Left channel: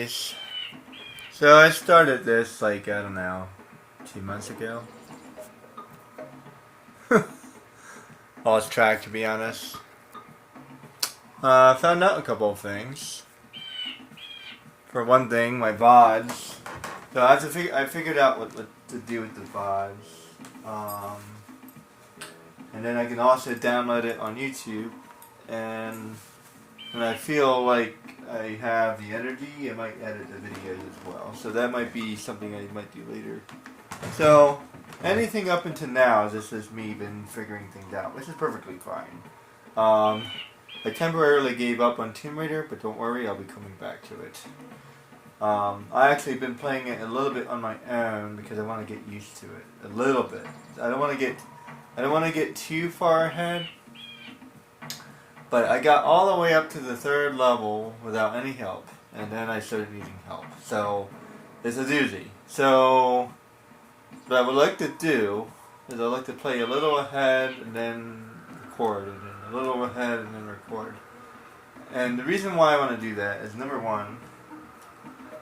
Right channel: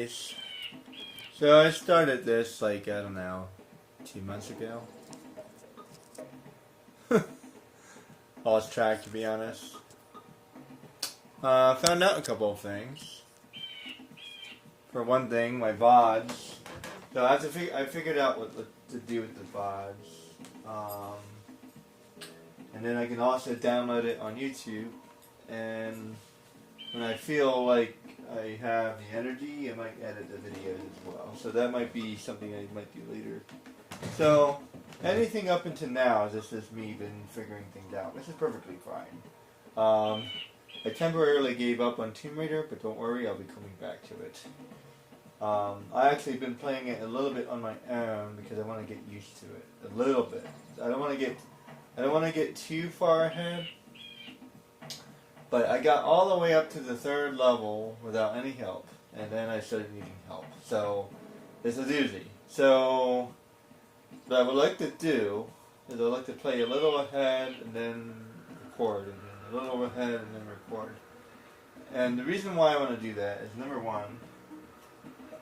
guys. So I started this like, I don't know, 2 months ago. Lost track, to be honest. Found out a couple of things. For one thing, my VODs. So I figured out what to do with the VODs. And then I can also download it on YouTube. And when I feel like I have the energy, I might edit the videos as well. So that might be something I might do later. So anything up until now is just me been figuring things out, which is perfectly fine. I temporarily gave up on Tomb Raider, but don't worry, I'll be coming back to it. I actually been playing it a little bit on my own because I want to get used to it a little bit. I don't want to get too far ahead. But I got all the way up to the 3rd level without any help, and then I started needing help. So it's a doozy. So what I would like to do is I'd like to play a little ahead and then record, and then a little ahead and then record. And the reason why I want to do that is, number one,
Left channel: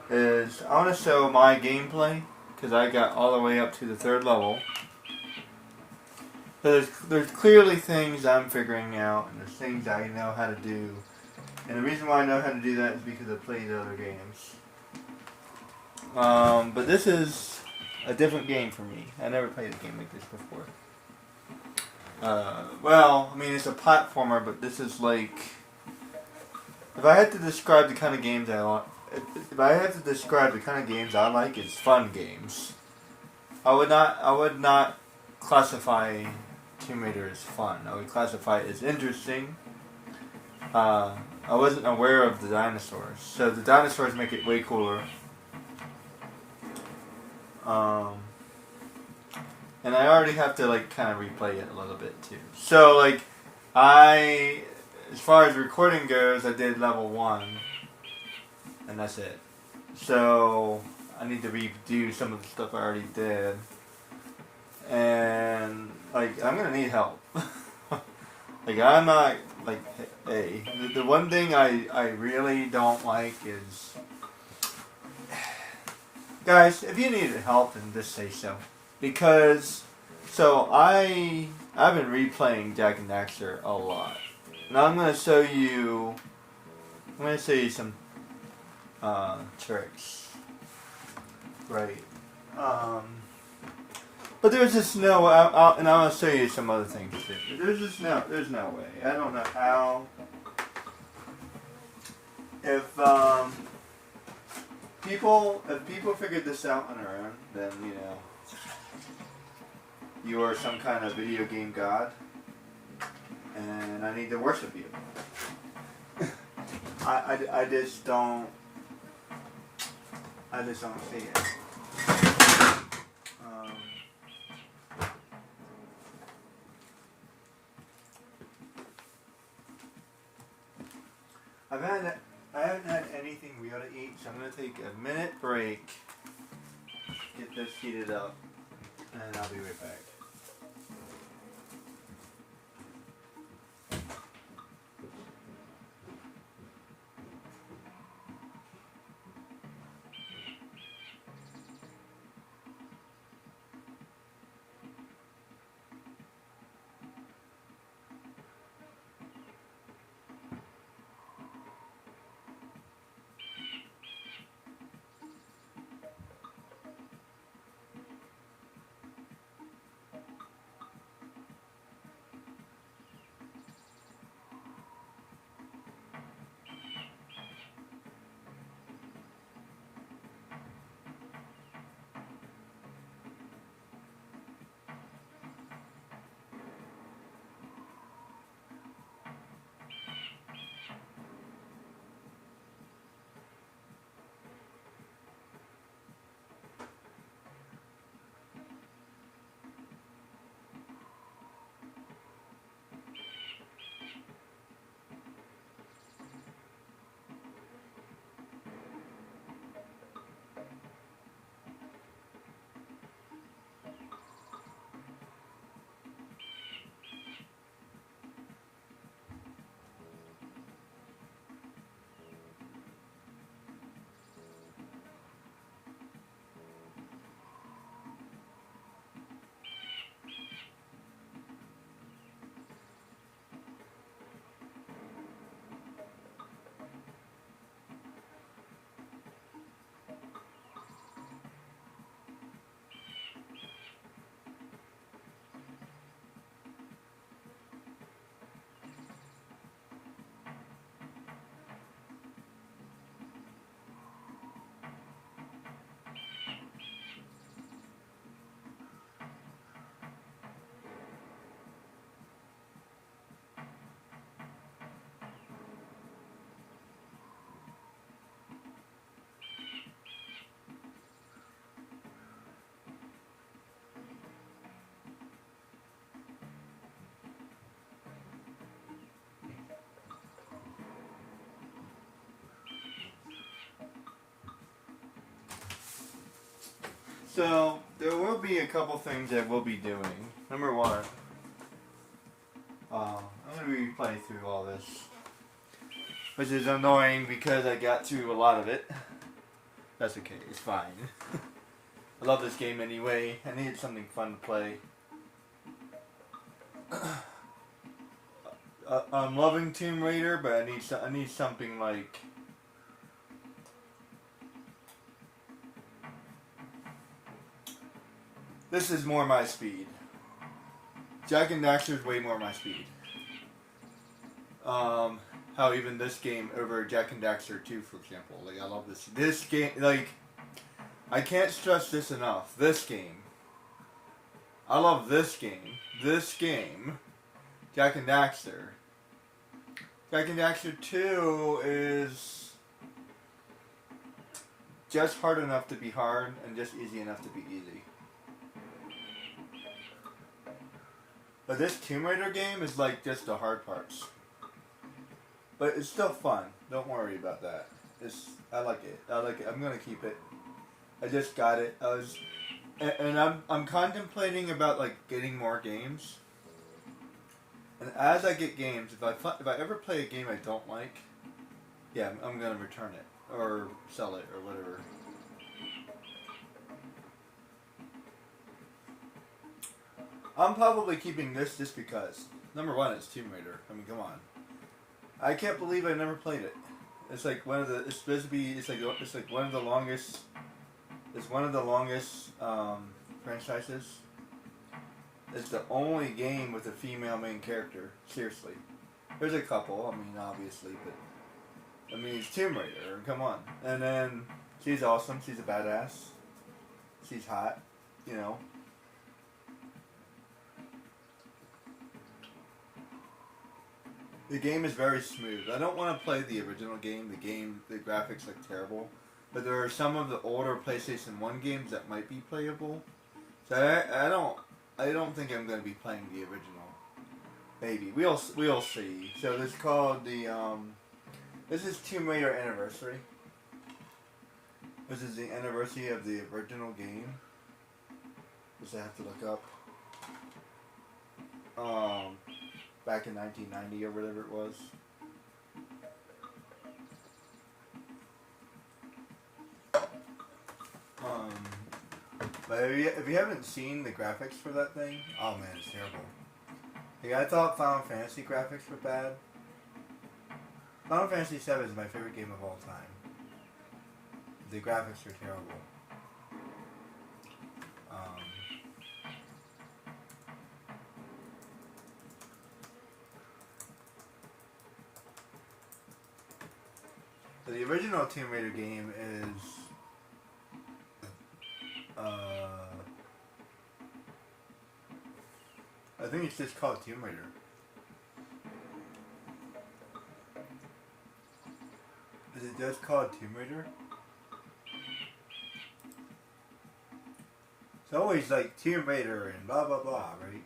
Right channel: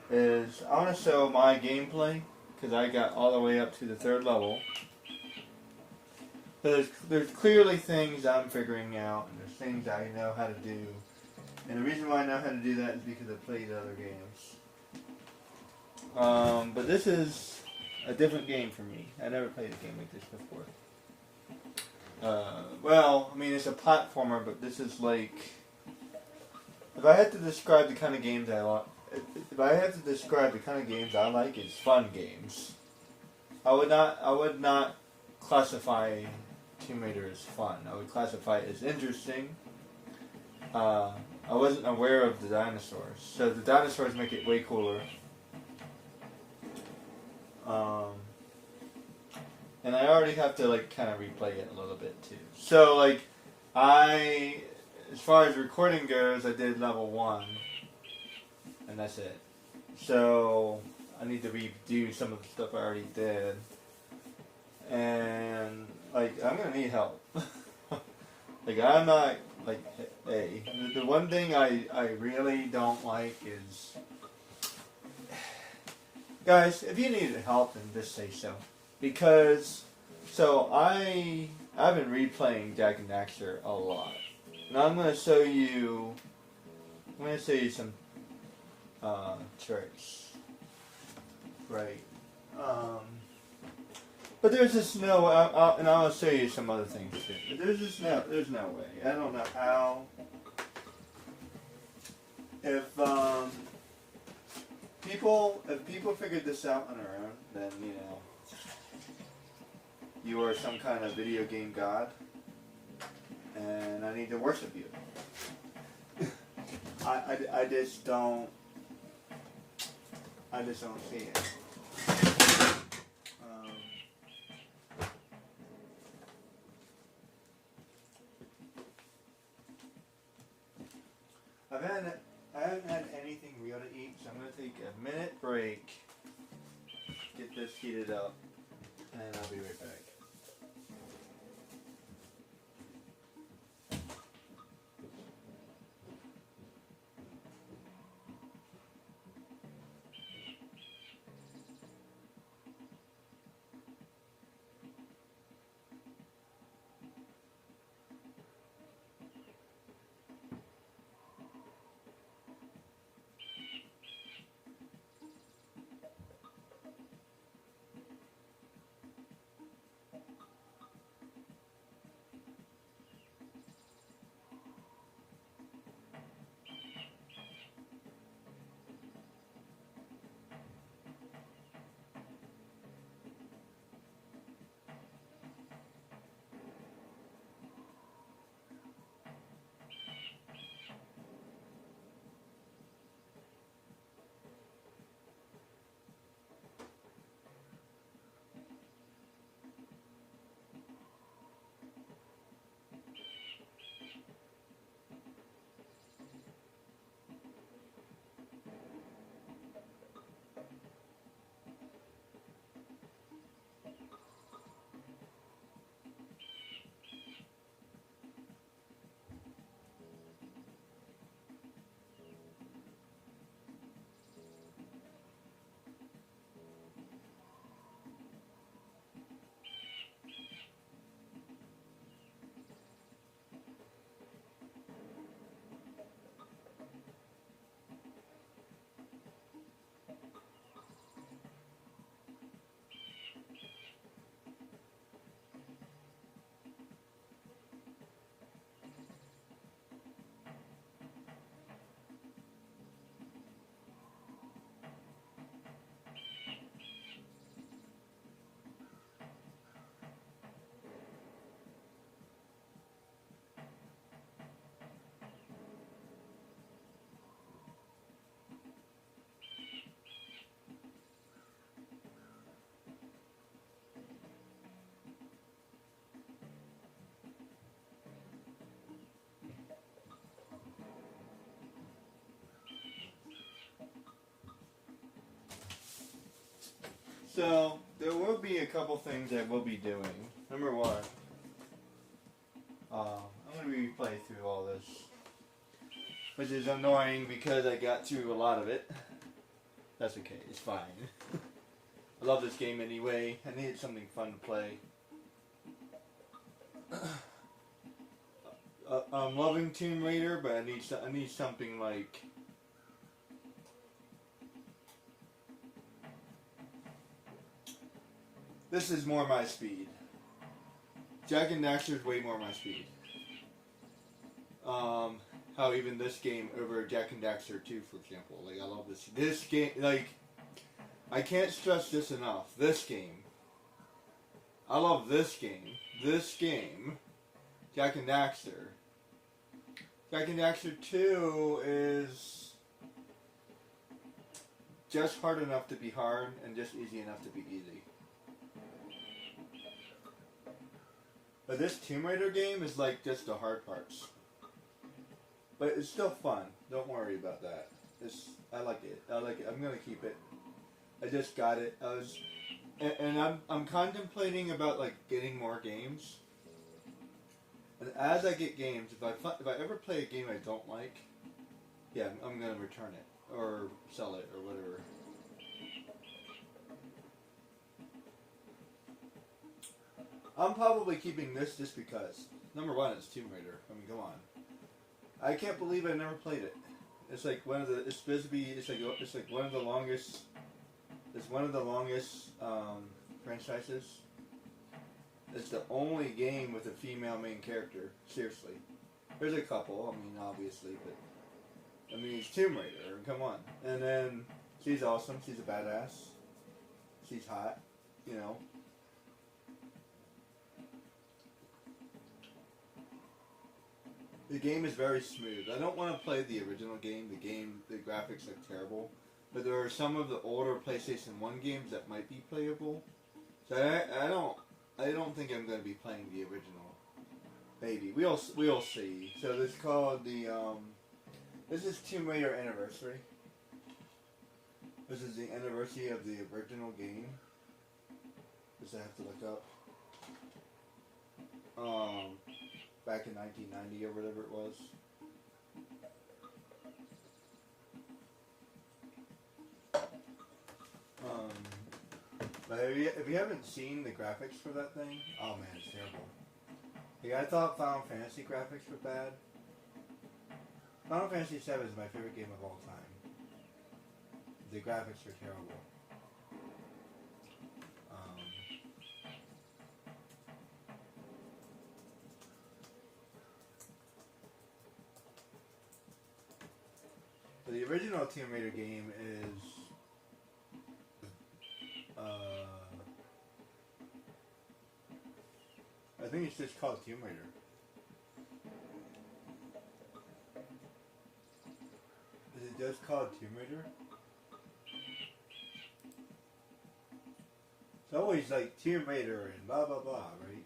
is I want to show my gameplay, because I got all the way up to the 3rd level. So there's clearly things I'm figuring out, and there's things I know how to do. And the reason why I know how to do that is because I played other games. But this is a different game for me. I never played a game like this before. Well, I mean, it's a platformer, but this is like... If I had to describe the kind of games I like... If I had to describe the kind of games I like, it's fun games. I would not classify Tomb Raider as fun. I would classify it as interesting. I wasn't aware of the dinosaurs, so the dinosaurs make it way cooler. And I already have to like kind of replay it a little bit too. So like as far as recording goes, I did level 1, and that's it. So I need to redo some of the stuff I already did. And, like, I'm gonna need help. Like, I'm not, like, hey. The one thing I really don't like is... Guys, if you need help, then just say so. Because, so, I've been replaying Jak and Daxter a lot. Now I'm gonna show you... some, tricks. Right. But there's just no, and I want to show you some other things too. There's no way. I don't know how. If people figured this out on their own, then you are some kind of video game god, and I need to worship you. I just don't see it. I haven't had anything real to eat, so I'm going to take a minute break, get this heated up, and I'll be right back. So there will be a couple things that we'll be doing. Number one, I'm gonna be playing through all this, which is annoying because I got through a lot of it. That's okay. It's fine. I love this game anyway. I needed something fun to play. I'm loving Tomb Raider, but I need something like. This is more my speed. Jak and Daxter is way more my speed. How even this game over Jak and Daxter 2, for example. Like, I love this. This game, like, I can't stress this enough. This game. I love this game. This game. Jak and Daxter. Jak and Daxter 2 is just hard enough to be hard and just easy enough to be easy. But this Tomb Raider game is like just the hard parts. But it's still fun. Don't worry about that. I like it. I like it. I'm gonna keep it. I just got it. And I'm contemplating about like getting more games. And as I get games, if I ever play a game I don't like, yeah, I'm gonna return it or sell it or whatever. I'm probably keeping this just because. Number one, it's Tomb Raider. I mean, come on. I can't believe I never played it. It's like one of the. It's supposed to be. It's like one of the longest. It's one of the longest franchises. It's the only game with a female main character. Seriously, there's a couple. I mean, obviously, but I mean, it's Tomb Raider. Come on. And then she's awesome. She's a badass. She's hot. You know. The game is very smooth. I don't want to play the original game. The graphics look terrible. But there are some of the older PlayStation 1 games that might be playable. So I don't think I'm going to be playing the original. Maybe. We'll see. So this is called this is Tomb Raider Anniversary. This is the anniversary of the original game. Which I have to look up. Back in 1990 or whatever it was. But if you haven't seen the graphics for that thing, oh man, it's terrible. Like, I thought Final Fantasy graphics were bad. Final Fantasy VII is my favorite game of all time. The graphics are terrible. So the original Tomb Raider game is I think it's just called Tomb Raider. Is it just called Tomb Raider? It's always like Tomb Raider and blah blah blah, right?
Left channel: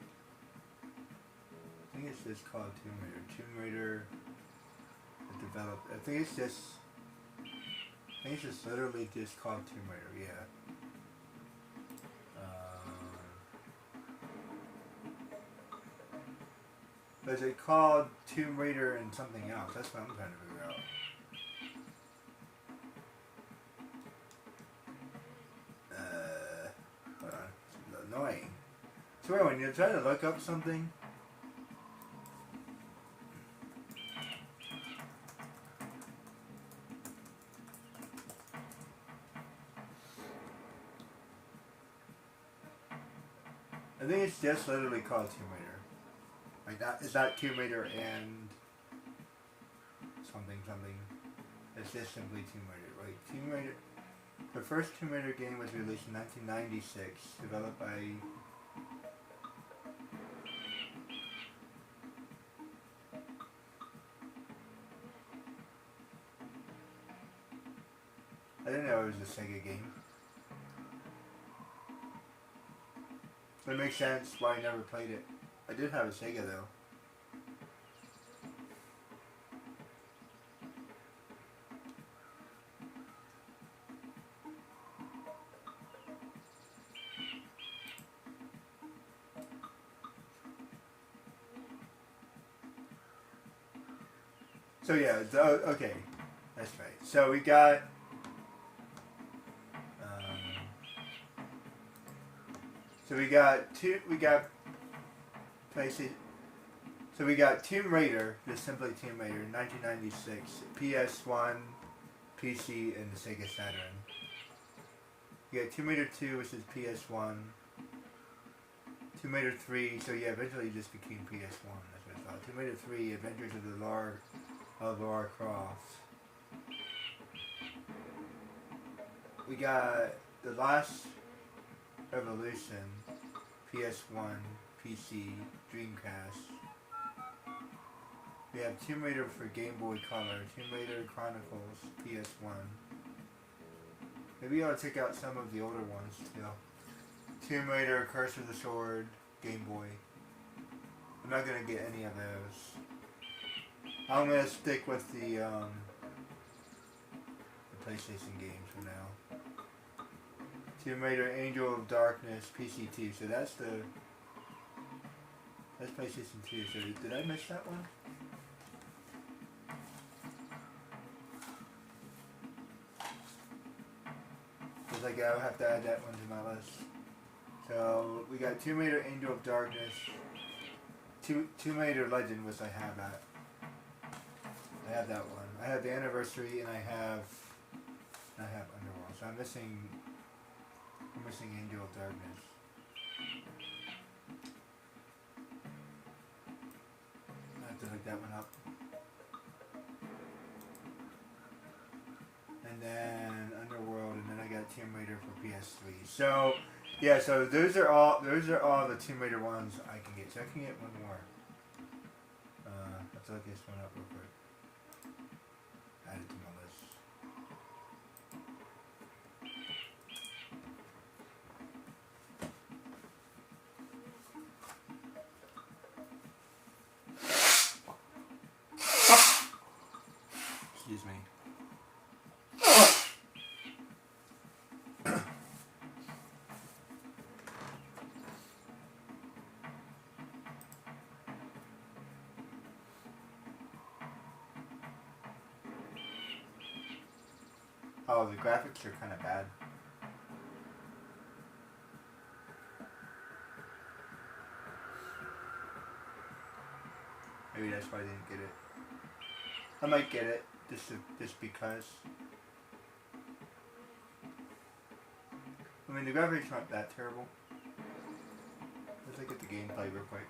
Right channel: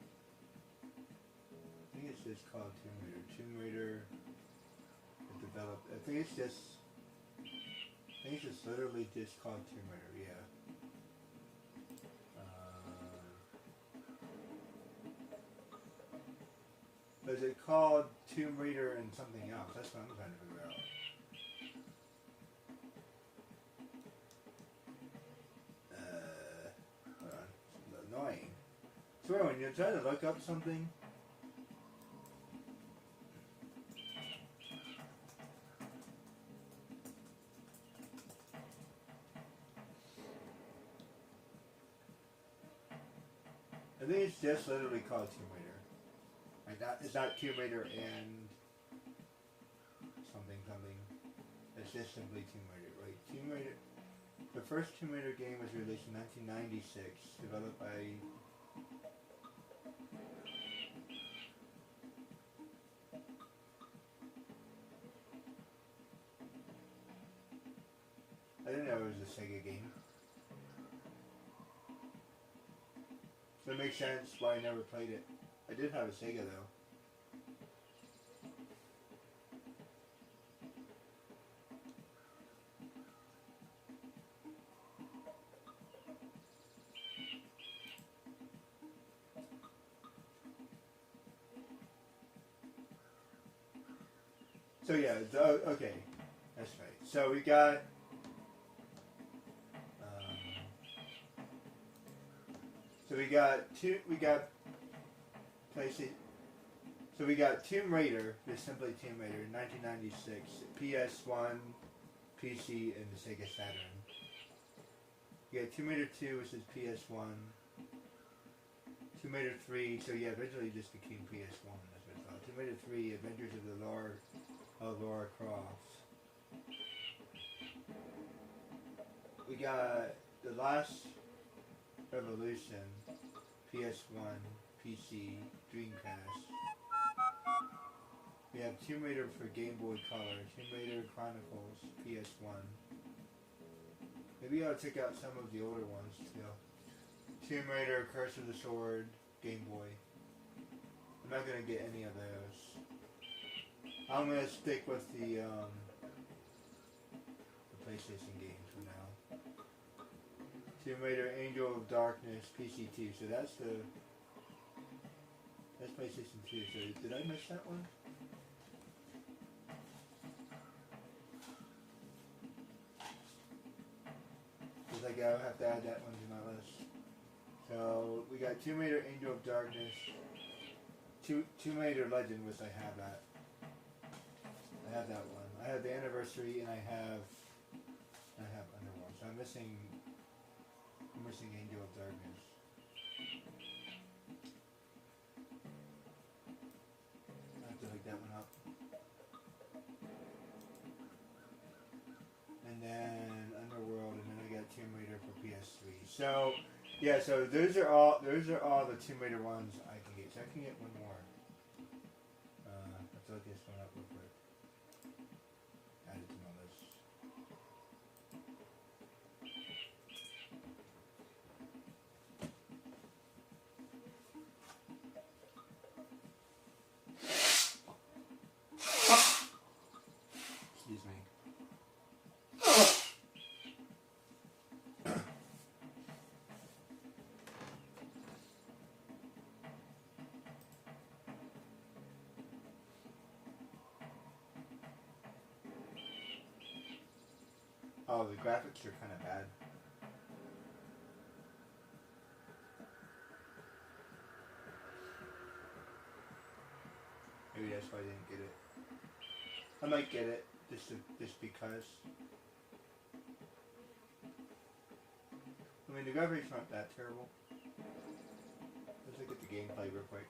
I think it's just called Tomb Raider. Tomb Raider developed. I think it's just literally just called Tomb Raider. Yeah. But is it called Tomb Raider and something else? That's what I'm trying to figure out. Hold on. It's annoying. I swear, when you try to look up something. I think it's just literally called Tomb Raider. Like that, is that Tomb Raider and something. It's just simply Tomb Raider. Like Tomb Raider, the first Tomb Raider game was released in 1996, developed by I didn't know it was a Sega game. But it makes sense why I never played it. I did have a Sega though. So yeah, okay, that's right. So we got we got PlayStation. So we got Tomb Raider, just simply Tomb Raider, 1996, PS1, PC, and the Sega Saturn. You got Tomb Raider 2, which is PS1. Tomb Raider 3, so yeah, eventually it just became PS1. That's what I thought. Tomb Raider 3, Adventures of Lara Croft. We got The Last Revolution, PS1, PC, Dreamcast. We have Tomb Raider for Game Boy Color, Tomb Raider Chronicles, PS1. Maybe I'll take out some of the older ones, Tomb Raider, Curse of the Sword, Game Boy. I'm not gonna get any of those. I'm gonna stick with the PlayStation games for now. Tomb Raider, Angel of Darkness, PC2. So that's PlayStation 2. So did I miss that one? Looks like I'll have to add that one to my list. So we got Tomb Raider, Angel of Darkness, Tomb Raider Legend, which I have that. I have that one. I have the Anniversary, and I have Underworld. So I'm missing Angel of Darkness. I have to look that one up. And then Underworld, and then I got Tomb Raider for PS3. So yeah, so those are all the Tomb Raider ones I can get. So I can get one more. Let's look this one up real quick. Add it to my list. Excuse me. Oh, the graphics are kind of bad. Maybe that's why I didn't get it. I might get it just because. I mean, the graphics aren't that terrible. Let's look at the gameplay real quick.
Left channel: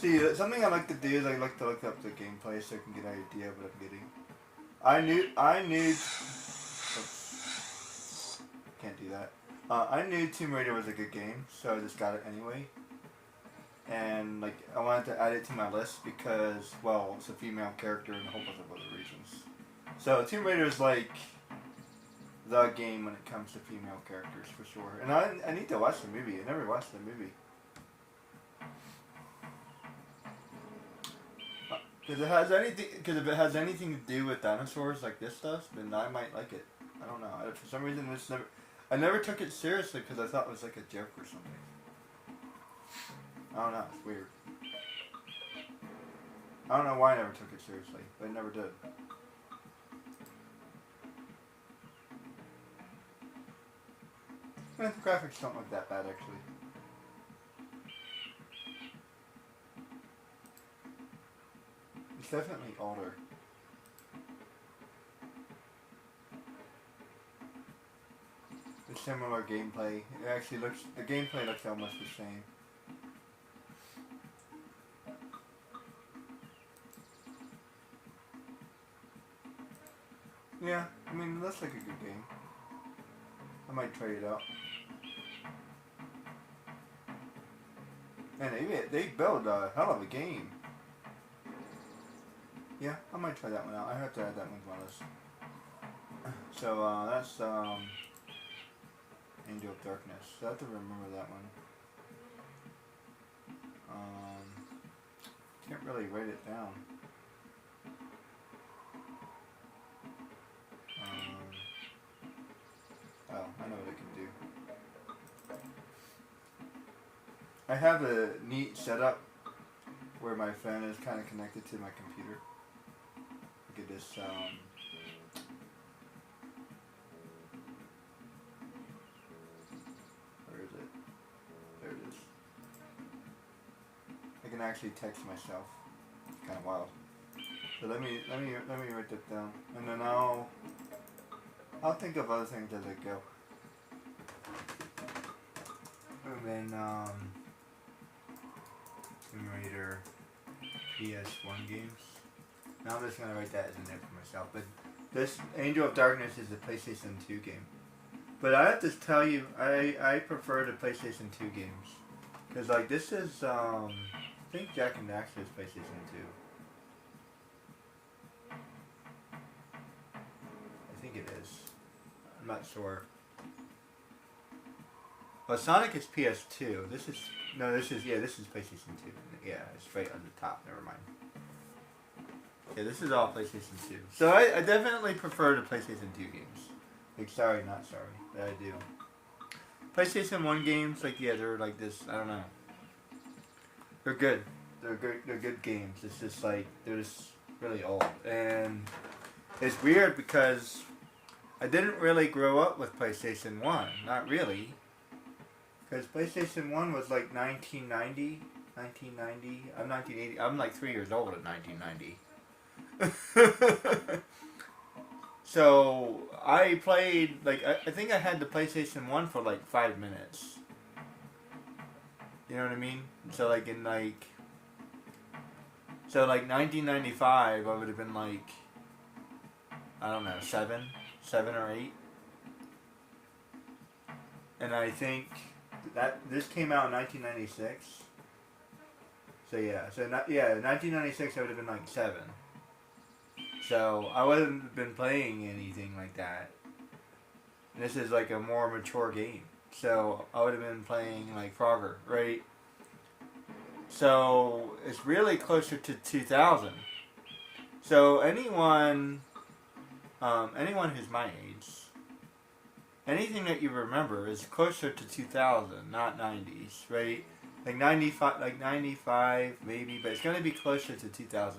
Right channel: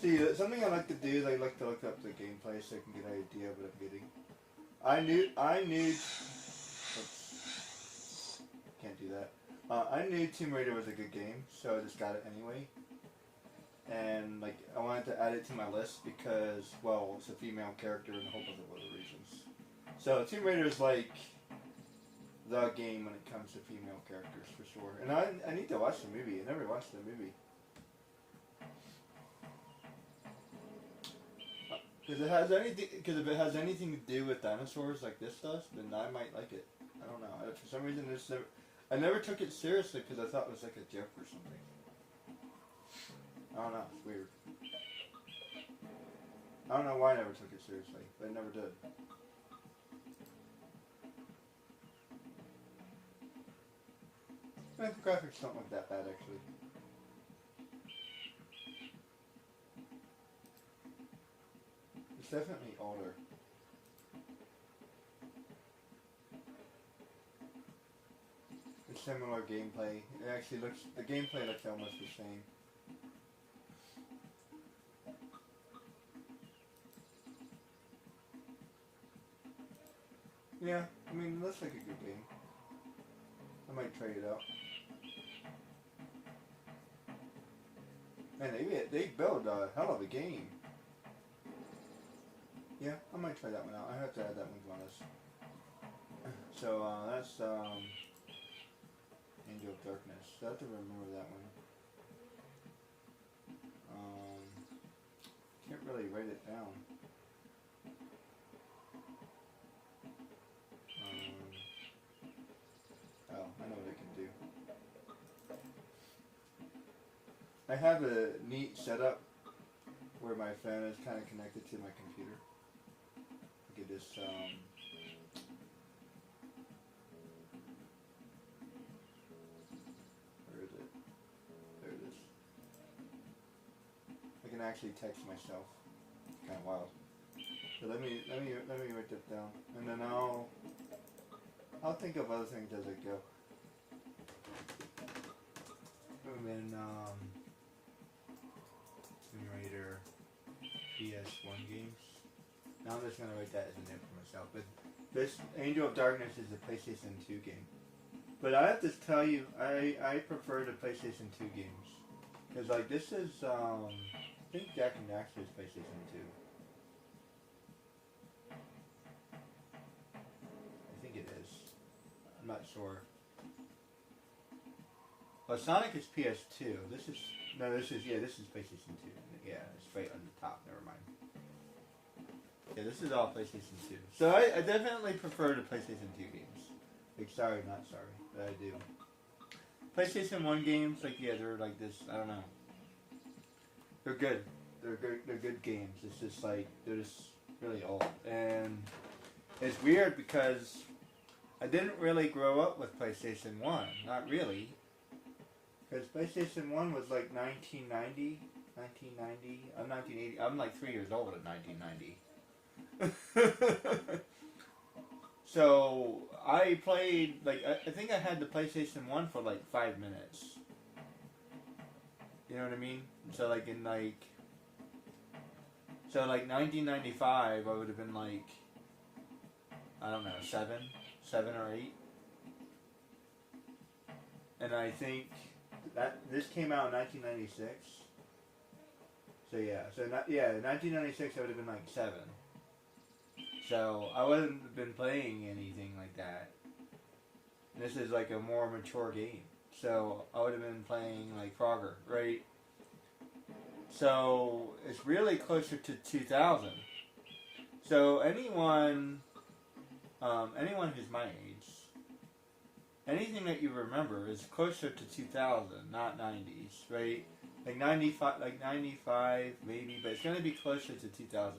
See, something I like to do is I like to look up the gameplay so I can get an idea of what I'm getting. I knew. Oops, can't do that. I knew Tomb Raider was a good game, so I just got it anyway. And like, I wanted to add it to my list because, well, it's a female character and a whole bunch of other reasons. So Tomb Raider is like the game when it comes to female characters for sure. And I need to watch the movie. I never watched the movie. Because if it has anything to do with dinosaurs like this does, then I might like it. I don't know. For some reason, I never took it seriously because I thought it was like a joke or something. I don't know. It's weird. I don't know why I never took it seriously, but I never did. The graphics don't look that bad, actually. It's definitely older. It's similar gameplay. It actually looks, the gameplay looks almost the same. Yeah, I mean, that's like a good game. I might try it out. Man, they build a hell of a game. Yeah, I might try that one out. I have to add that one to my list. So, that's, Angel of Darkness. So I have to remember that one. Can't really write it down. Oh, I know what it can do. I have a neat setup where my phone is kind of connected to my computer. Look at this. Where is it? There it is. I can actually text myself. It's kind of wild. So let me write that down, and then I'll think of other things as I go. And then Simulator PS1 games. Now I'm just gonna write that as a note for myself. But this Angel of Darkness is a PlayStation 2 game. But I have to tell you, I prefer the PlayStation 2 games. Because, like, this is, I think Jak and Daxter is PlayStation 2. I think it is. I'm not sure. Well, Sonic is PS2. This is PlayStation 2. Yeah, it's right on the top. Never mind. Yeah, this is all PlayStation 2. So I definitely prefer the PlayStation 2 games. Like, sorry, not sorry, but I do. PlayStation 1 games, like, yeah, they're like this, I don't know. They're good. They're good games. It's just like, they're just really old. And it's weird because I didn't really grow up with PlayStation 1. Not really. Because PlayStation 1 was like 1990. I'm 1980. I'm like 3 years old in 1990. So I played, like, I think I had the PlayStation 1 for like 5 minutes. You know what I mean? So like in like 1995 I would have been like, I don't know, 7 or 8. And I think that this came out in 1996. So yeah, 1996 I would have been like 7. So I wouldn't have been playing anything like that. This is like a more mature game. So I would have been playing like Frogger, right? So it's really closer to 2000. So anyone who's my age, anything that you remember is closer to 2000, not 90s, right? Like 95 maybe, but it's going to be closer to 2000.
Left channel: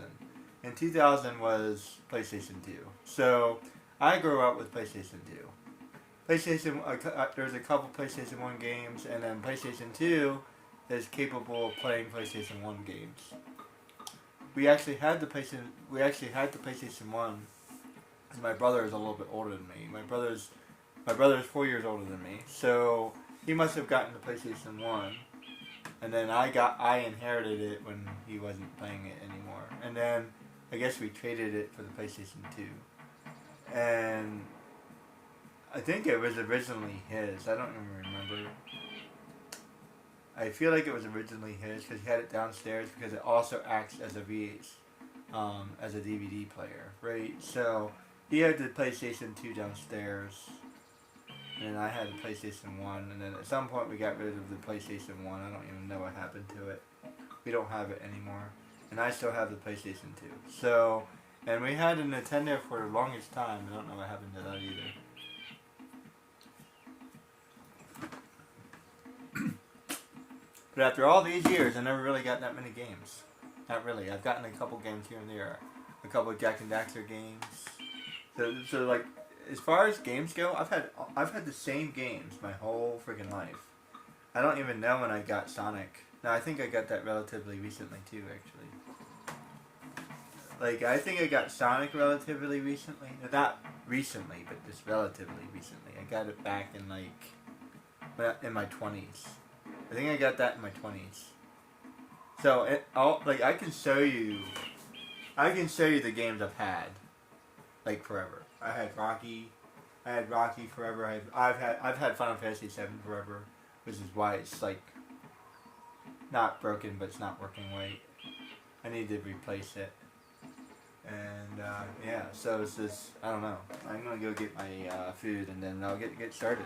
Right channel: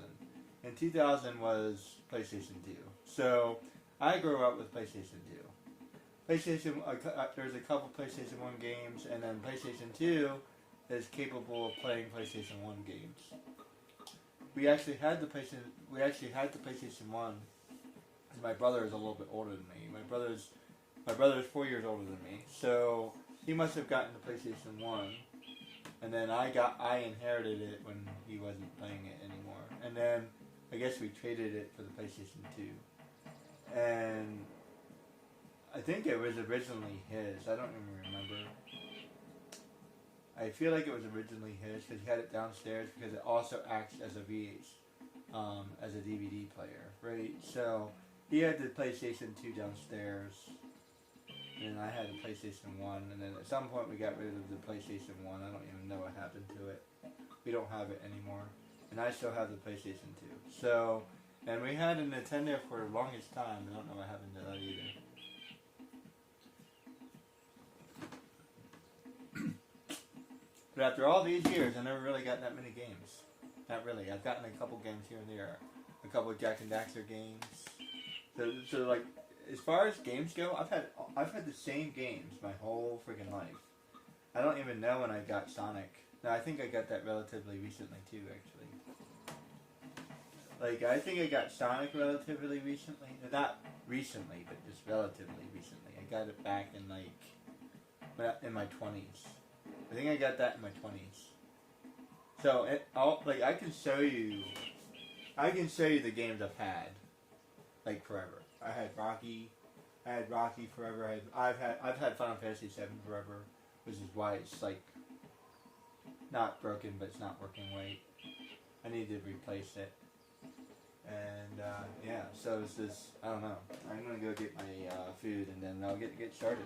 And 2000 was PlayStation 2. So I grew up with PlayStation 2. There's a couple PlayStation 1 games, and then PlayStation 2 is capable of playing PlayStation 1 games. We actually had the PlayStation 1, and my brother is a little bit older than me. My brother's 4 years older than me, so he must have gotten the PlayStation 1, and then I inherited it when he wasn't playing it anymore. And then I guess we traded it for the PlayStation 2. And I think it was originally his. I don't even remember. I feel like it was originally his because he had it downstairs because it also acts as a as a DVD player, right? So he had the PlayStation 2 downstairs, and then I had the PlayStation 1, and then at some point we got rid of the PlayStation 1. I don't even know what happened to it. We don't have it anymore. And I still have the PlayStation 2. So, and we had a Nintendo for the longest time. I don't know what happened to that either. But after all these years, I never really got that many games. Not really. I've gotten a couple games here and there. A couple of Jak and Daxter games. So like, as far as games go, I've had the same games my whole freaking life. I don't even know when I got Sonic. No, I think I got that relatively recently too, actually. Like, I think I got Sonic relatively recently. Not recently, but just relatively recently. I got it back in in my 20s. I think I got that in my 20s. So I can show you the games I've had, like, forever. I had Rocky forever. I've had Final Fantasy VII forever, which is why it's like not broken, but it's not working right. I need to replace it. And yeah, so it's just, I don't know. I'm gonna go get my food and then I'll get started.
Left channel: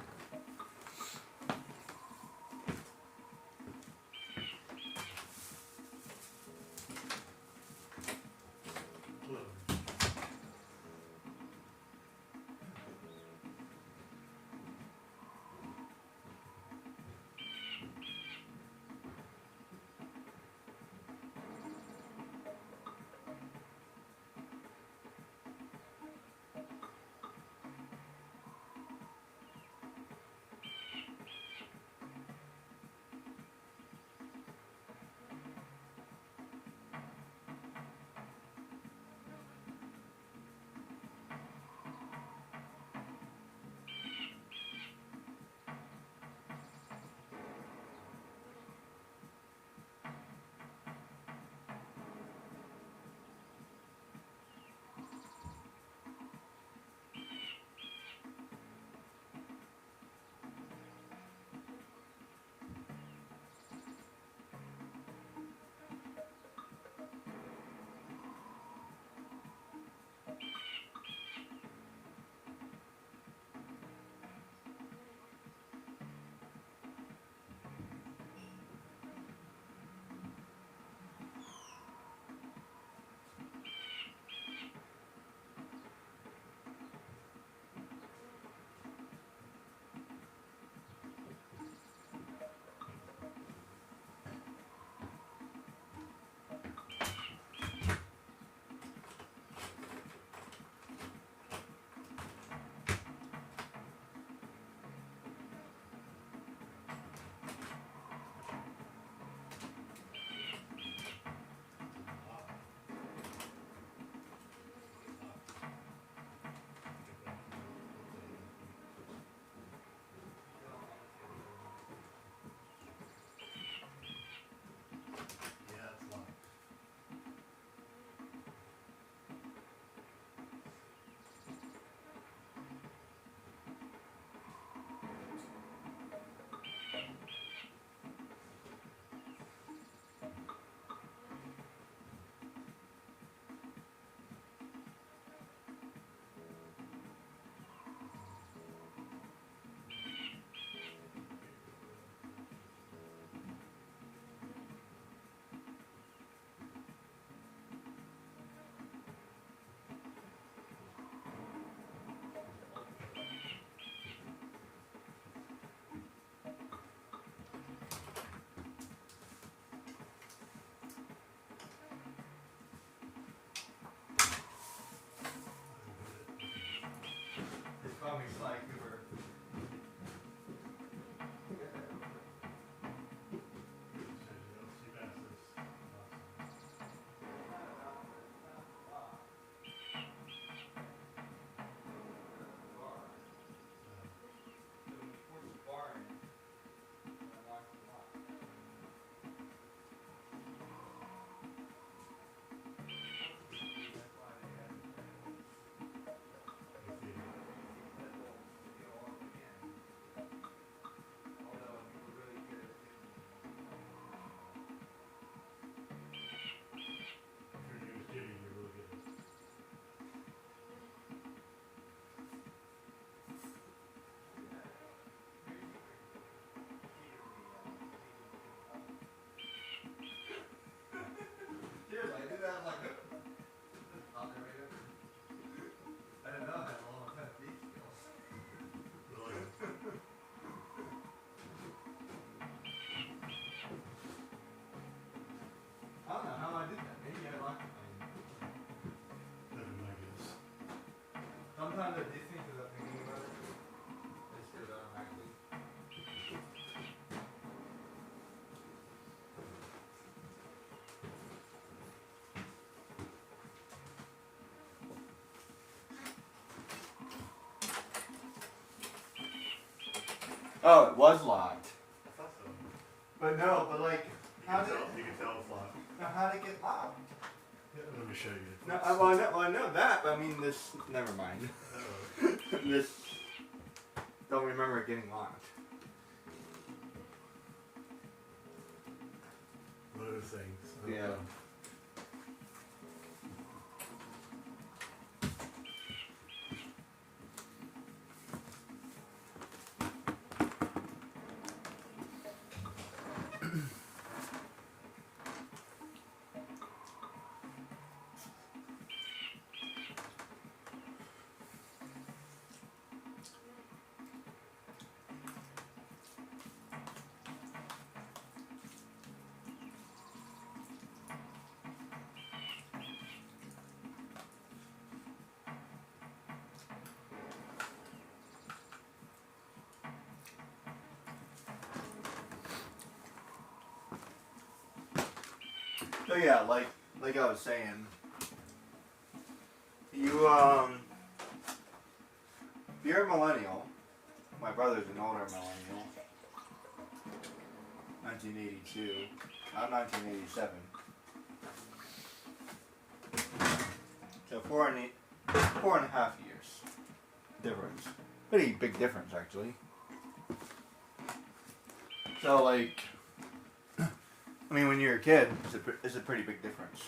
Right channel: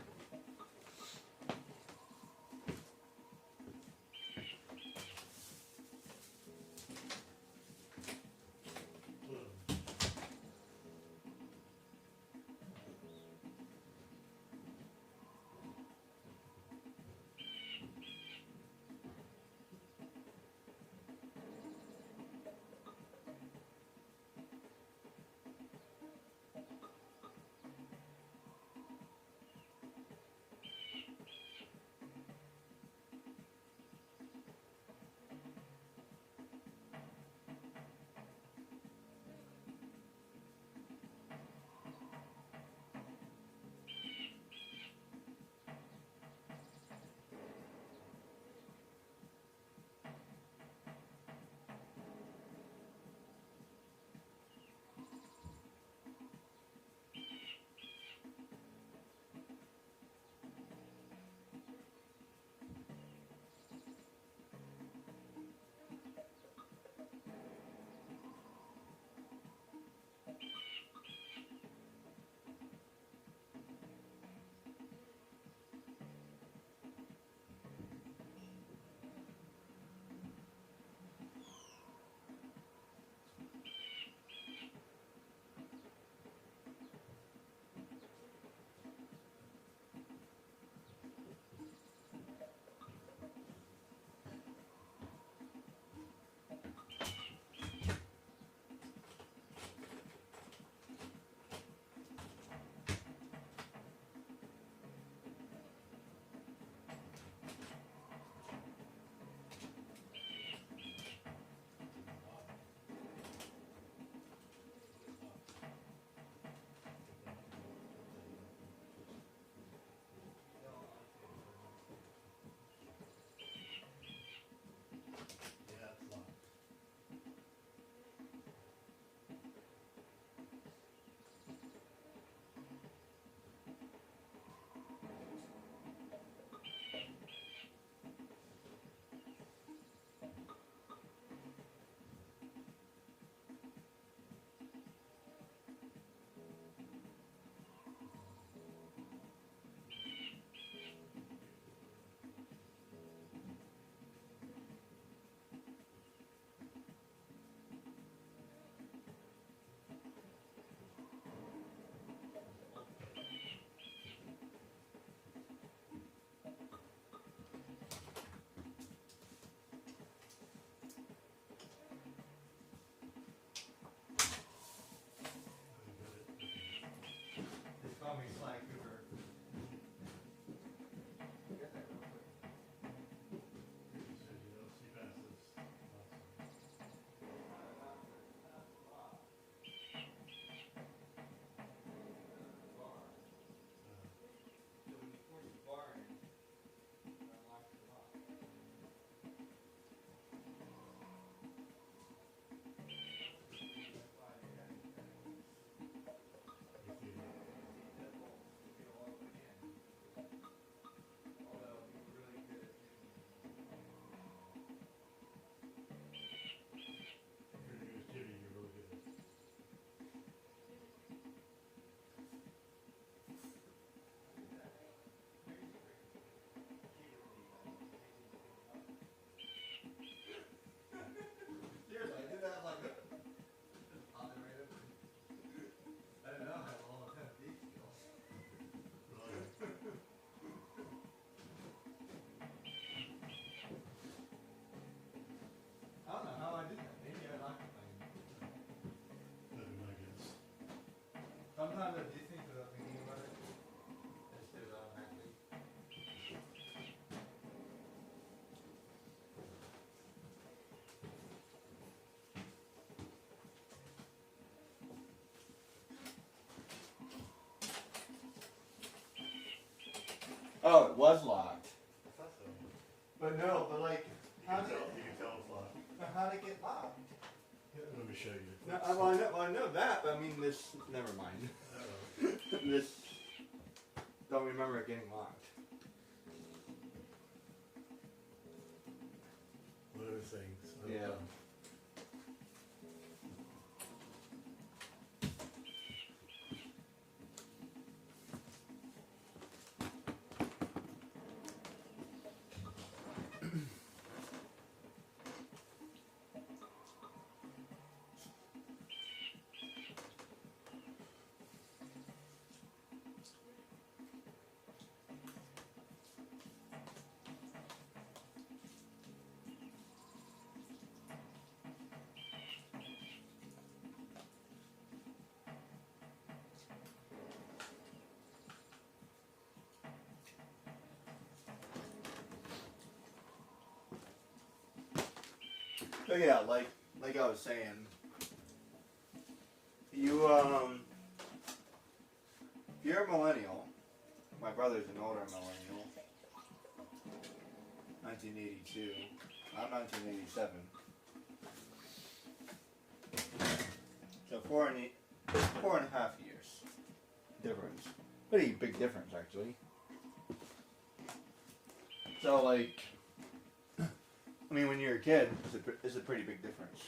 Oh, it was locked. I thought so. But no, but like, You can tell it's locked. how did it get locked? Yeah, let me show you. No, I know that, but I mean this. Never mind. Oh. This. Don't remember it getting locked. One of those things. Yeah. So yeah, like I was saying, you if you're a millennial, my brother's an older millennial, 1982, I'm 1987. So 4.5 years difference. Pretty big difference actually. So like, I mean, when you're a kid, it's a pretty big difference.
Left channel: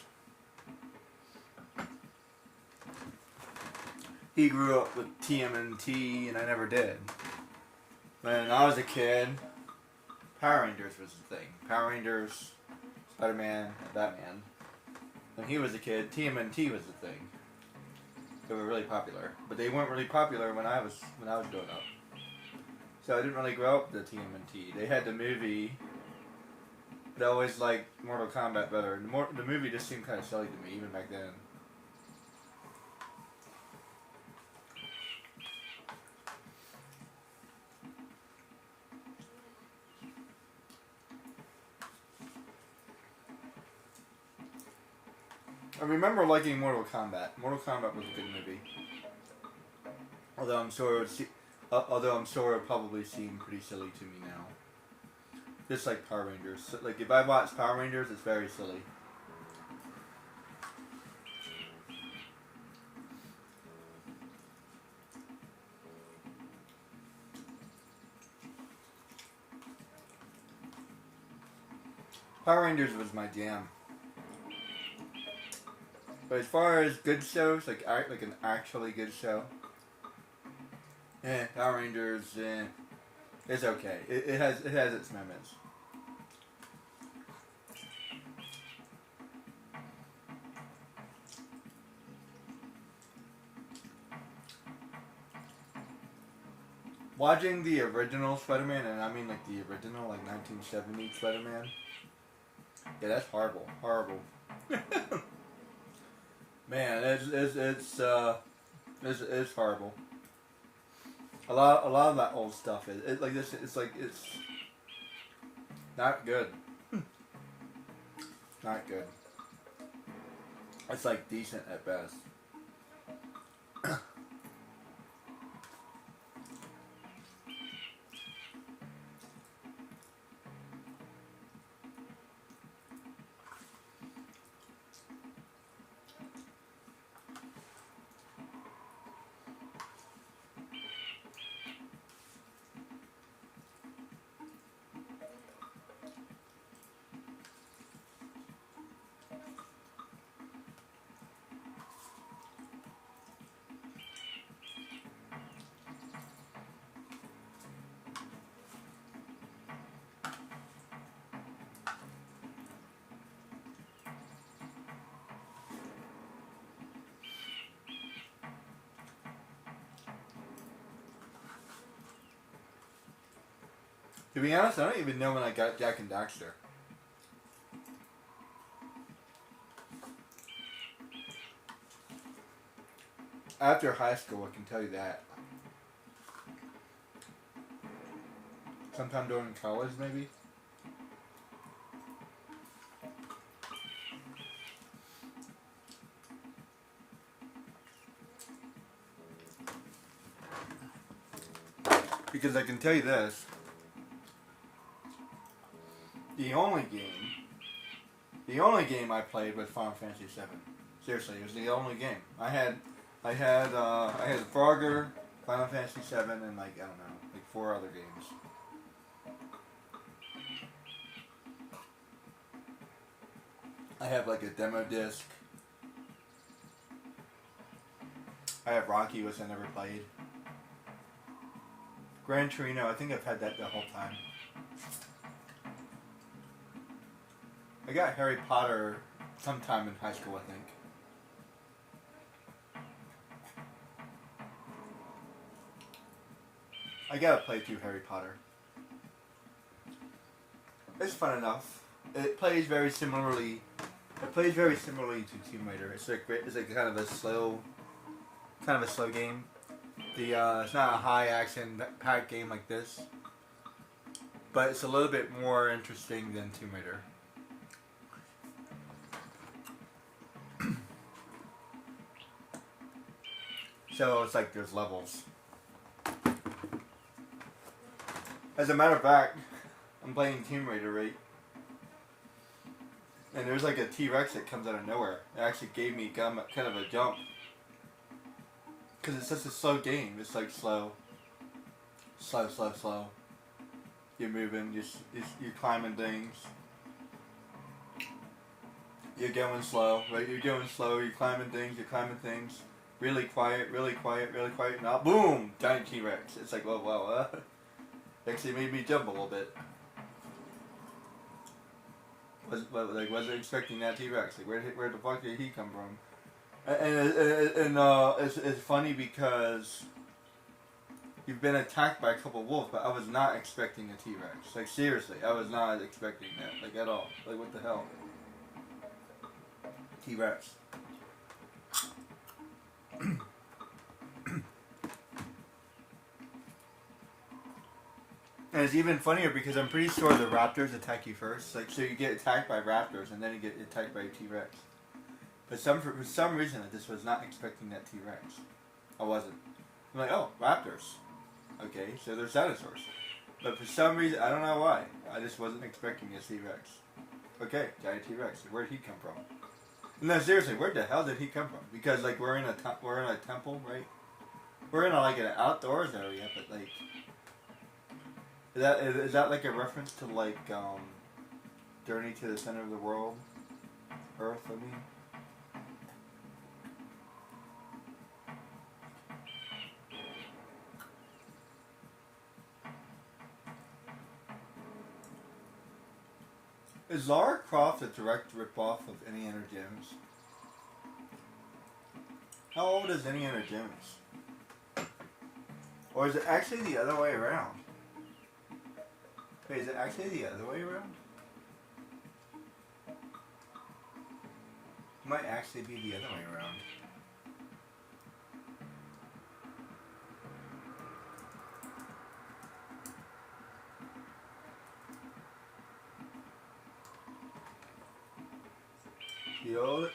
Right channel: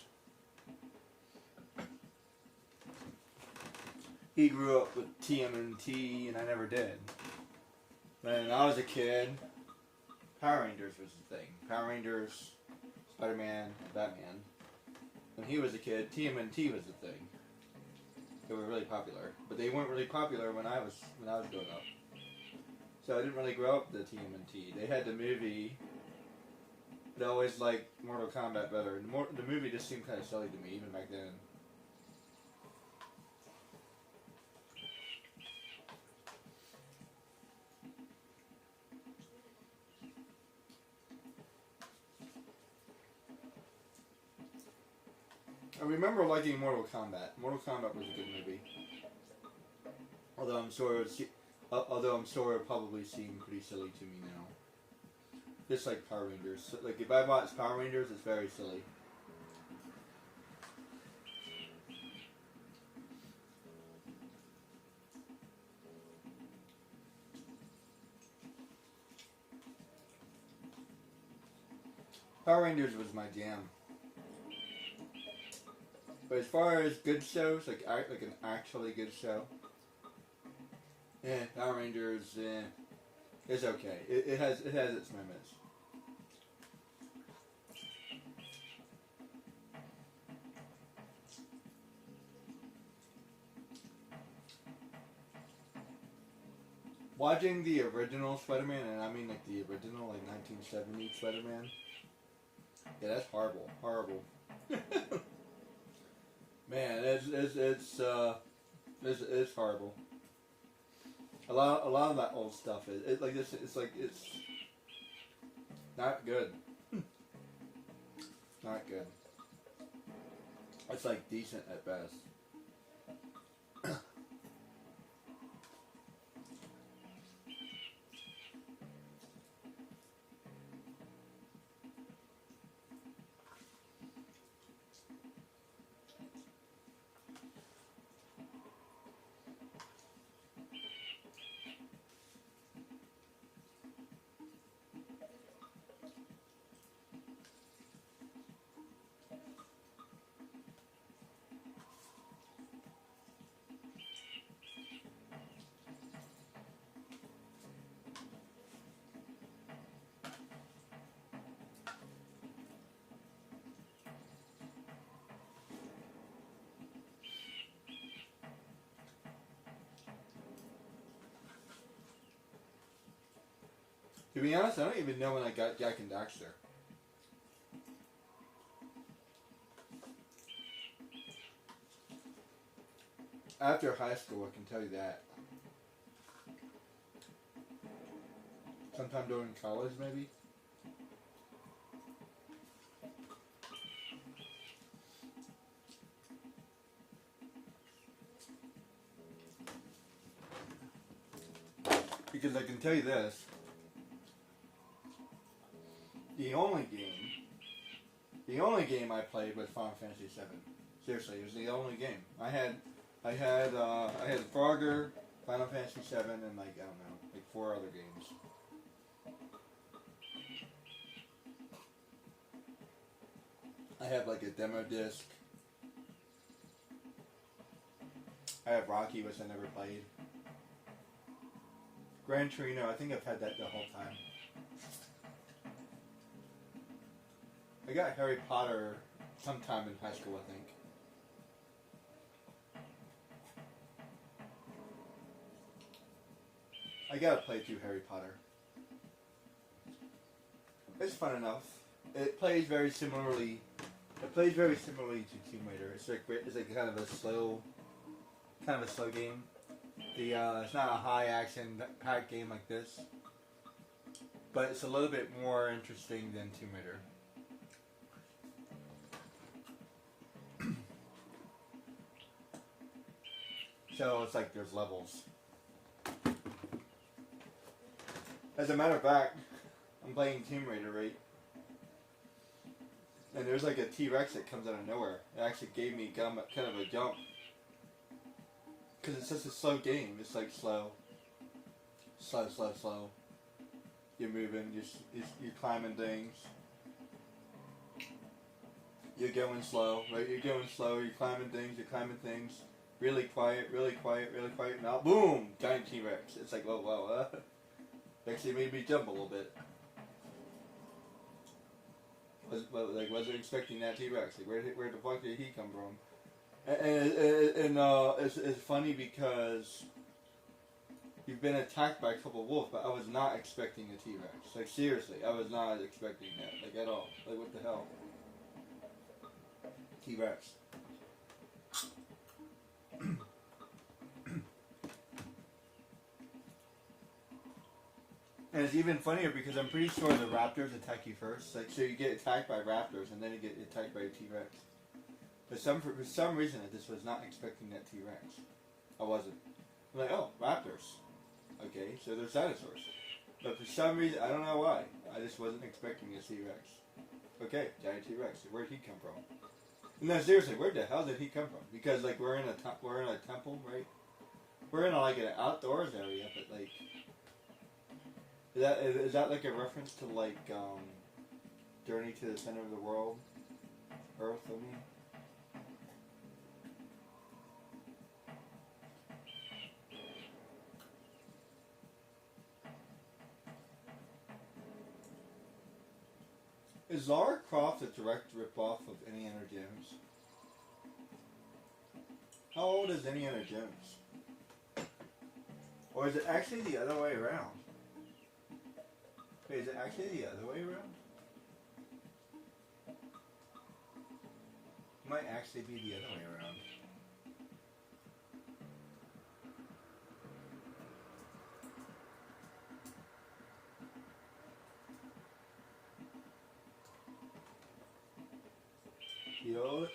He grew up with TMNT, and I never did. When I was a kid, Power Rangers was the thing. Power Rangers, Spider-Man, and Batman. When he was a kid, TMNT was the thing. They were really popular, but they weren't really popular when I was growing up. So I didn't really grow up with the TMNT. They had the movie. But I always liked Mortal Kombat better. The movie just seemed kind of silly to me, even back then. I remember liking Mortal Kombat. Mortal Kombat was a good movie. Although I'm sure it would probably seem pretty silly to me now. Just like Power Rangers. Like, if I watch Power Rangers, it's very silly. Power Rangers was my jam. But as far as good shows, like an actually good show, Power Rangers, it's okay. It has its moments. Watching the original Spider-Man, and I mean like the original, like 1970 Spider-Man, yeah, that's horrible. Horrible. Man, it's horrible. A lot of that old stuff is like this. It's like it's not good. Not good. It's like decent at best. To be honest, I don't even know when I got Jak and Daxter. After high school, I can tell you that. Sometime during college, maybe. Because I can tell you this. the only game I played was Final Fantasy VII. Seriously, it was the only game. I had Frogger, Final Fantasy VII, and like I don't know, like 4 other games. I have like a demo disc. I have Rocky, which I never played. Gran Torino, I think I've had that the whole time. I got Harry Potter sometime in high school, I think. I gotta play through Harry Potter. It's fun enough. It plays very similarly. It plays very similarly to Tomb Raider. It's like kind of a slow game. It's not a high action packed game like this, but it's a little bit more interesting than Tomb Raider. So it's like there's levels. As a matter of fact, I'm playing Tomb Raider, right? And there's like a T-Rex that comes out of nowhere. It actually gave me kind of a jump. Because it's such a slow game. It's like slow. You're moving, you're climbing things. You're going slow, right? You're going slow, you're climbing things. Really quiet. Now, boom! Giant T-Rex. It's like, wow. Actually made me jump a little bit. Wasn't expecting that T-Rex. Like, where the fuck did he come from? And it's funny because you've been attacked by a couple of wolves, but I was not expecting a T-Rex. Like, seriously, I was not expecting that. Like, at all. Like, what the hell? T-Rex. And it's even funnier because I'm pretty sure the raptors attack you first. Like, so you get attacked by raptors and then you get attacked by a T-Rex. But for some reason, I just was not expecting that T-Rex. I wasn't. I'm like, oh, raptors. Okay, so they're dinosaurs. But for some reason, I don't know why, I just wasn't expecting a T-Rex. Okay, giant T-Rex. Where'd he come from? No, seriously, where the hell did he come from? Because like we're in a temple, right? We're in like an outdoors area, but like. Is that like a reference to like Journey to the Center of the World? Earth, I mean. Is Lara Croft a direct ripoff of Indiana Jones? How old is Indiana Jones? Or is it actually the other way around? Wait, is it actually the other way around? It might actually be the other way around. The old...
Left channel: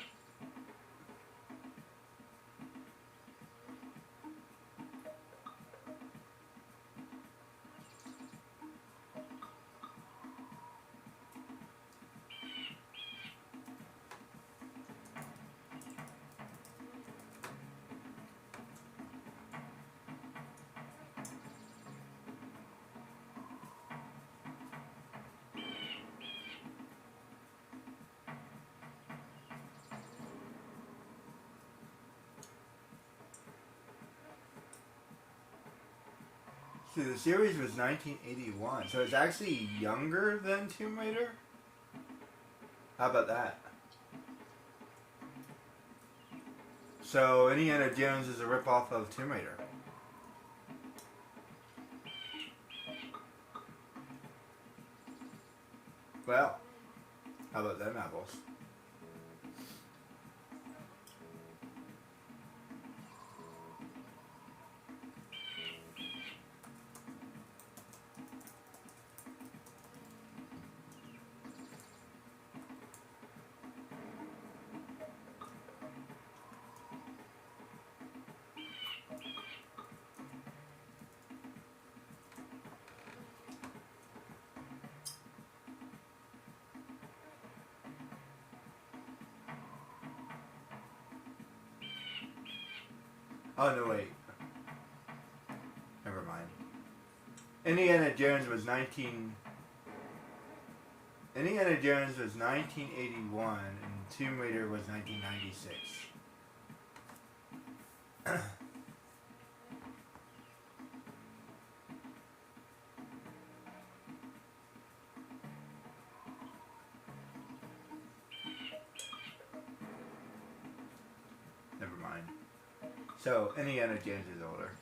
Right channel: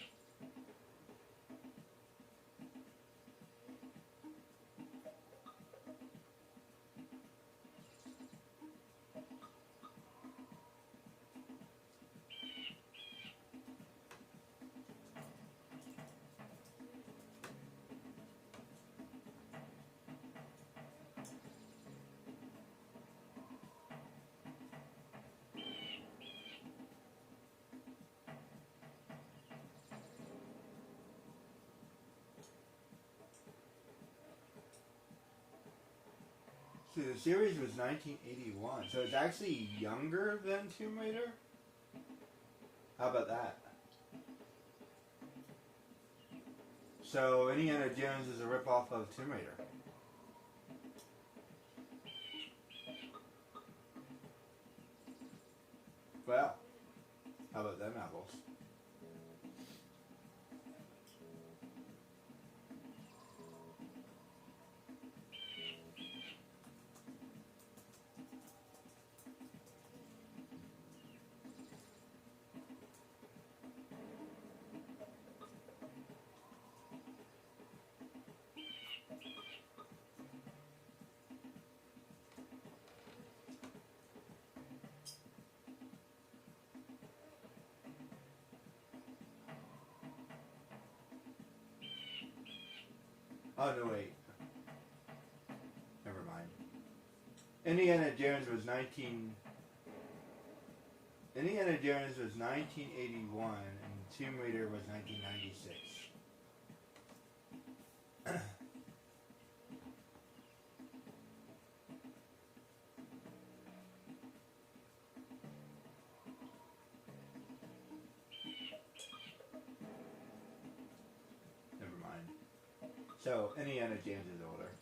So the series was 1981, so it's actually younger than Tomb Raider? How about that? So Indiana Jones is a ripoff of Tomb Raider. Well, how about them apples? Oh no, wait. Never mind. Indiana Jones was 1981, and Tomb Raider was 1996. Never mind. So Indiana Jones is older.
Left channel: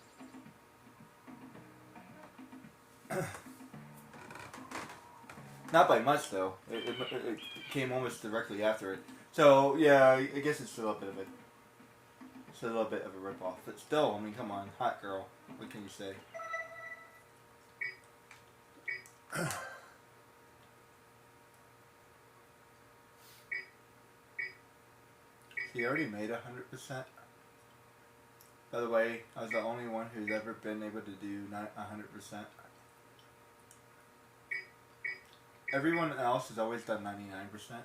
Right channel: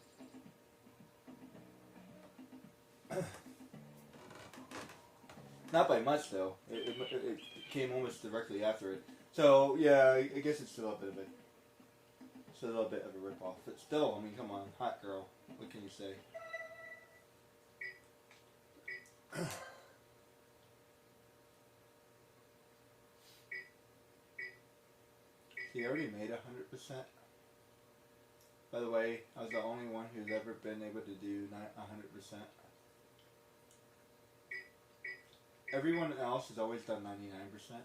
Not by much though. It came almost directly after it. So yeah, I guess it's still a bit of a ripoff. But still, I mean, come on, hot girl. What can you say? He already made 100%. By the way, I was the only one who's ever been able to do not 100%. Everyone else has always done 99%.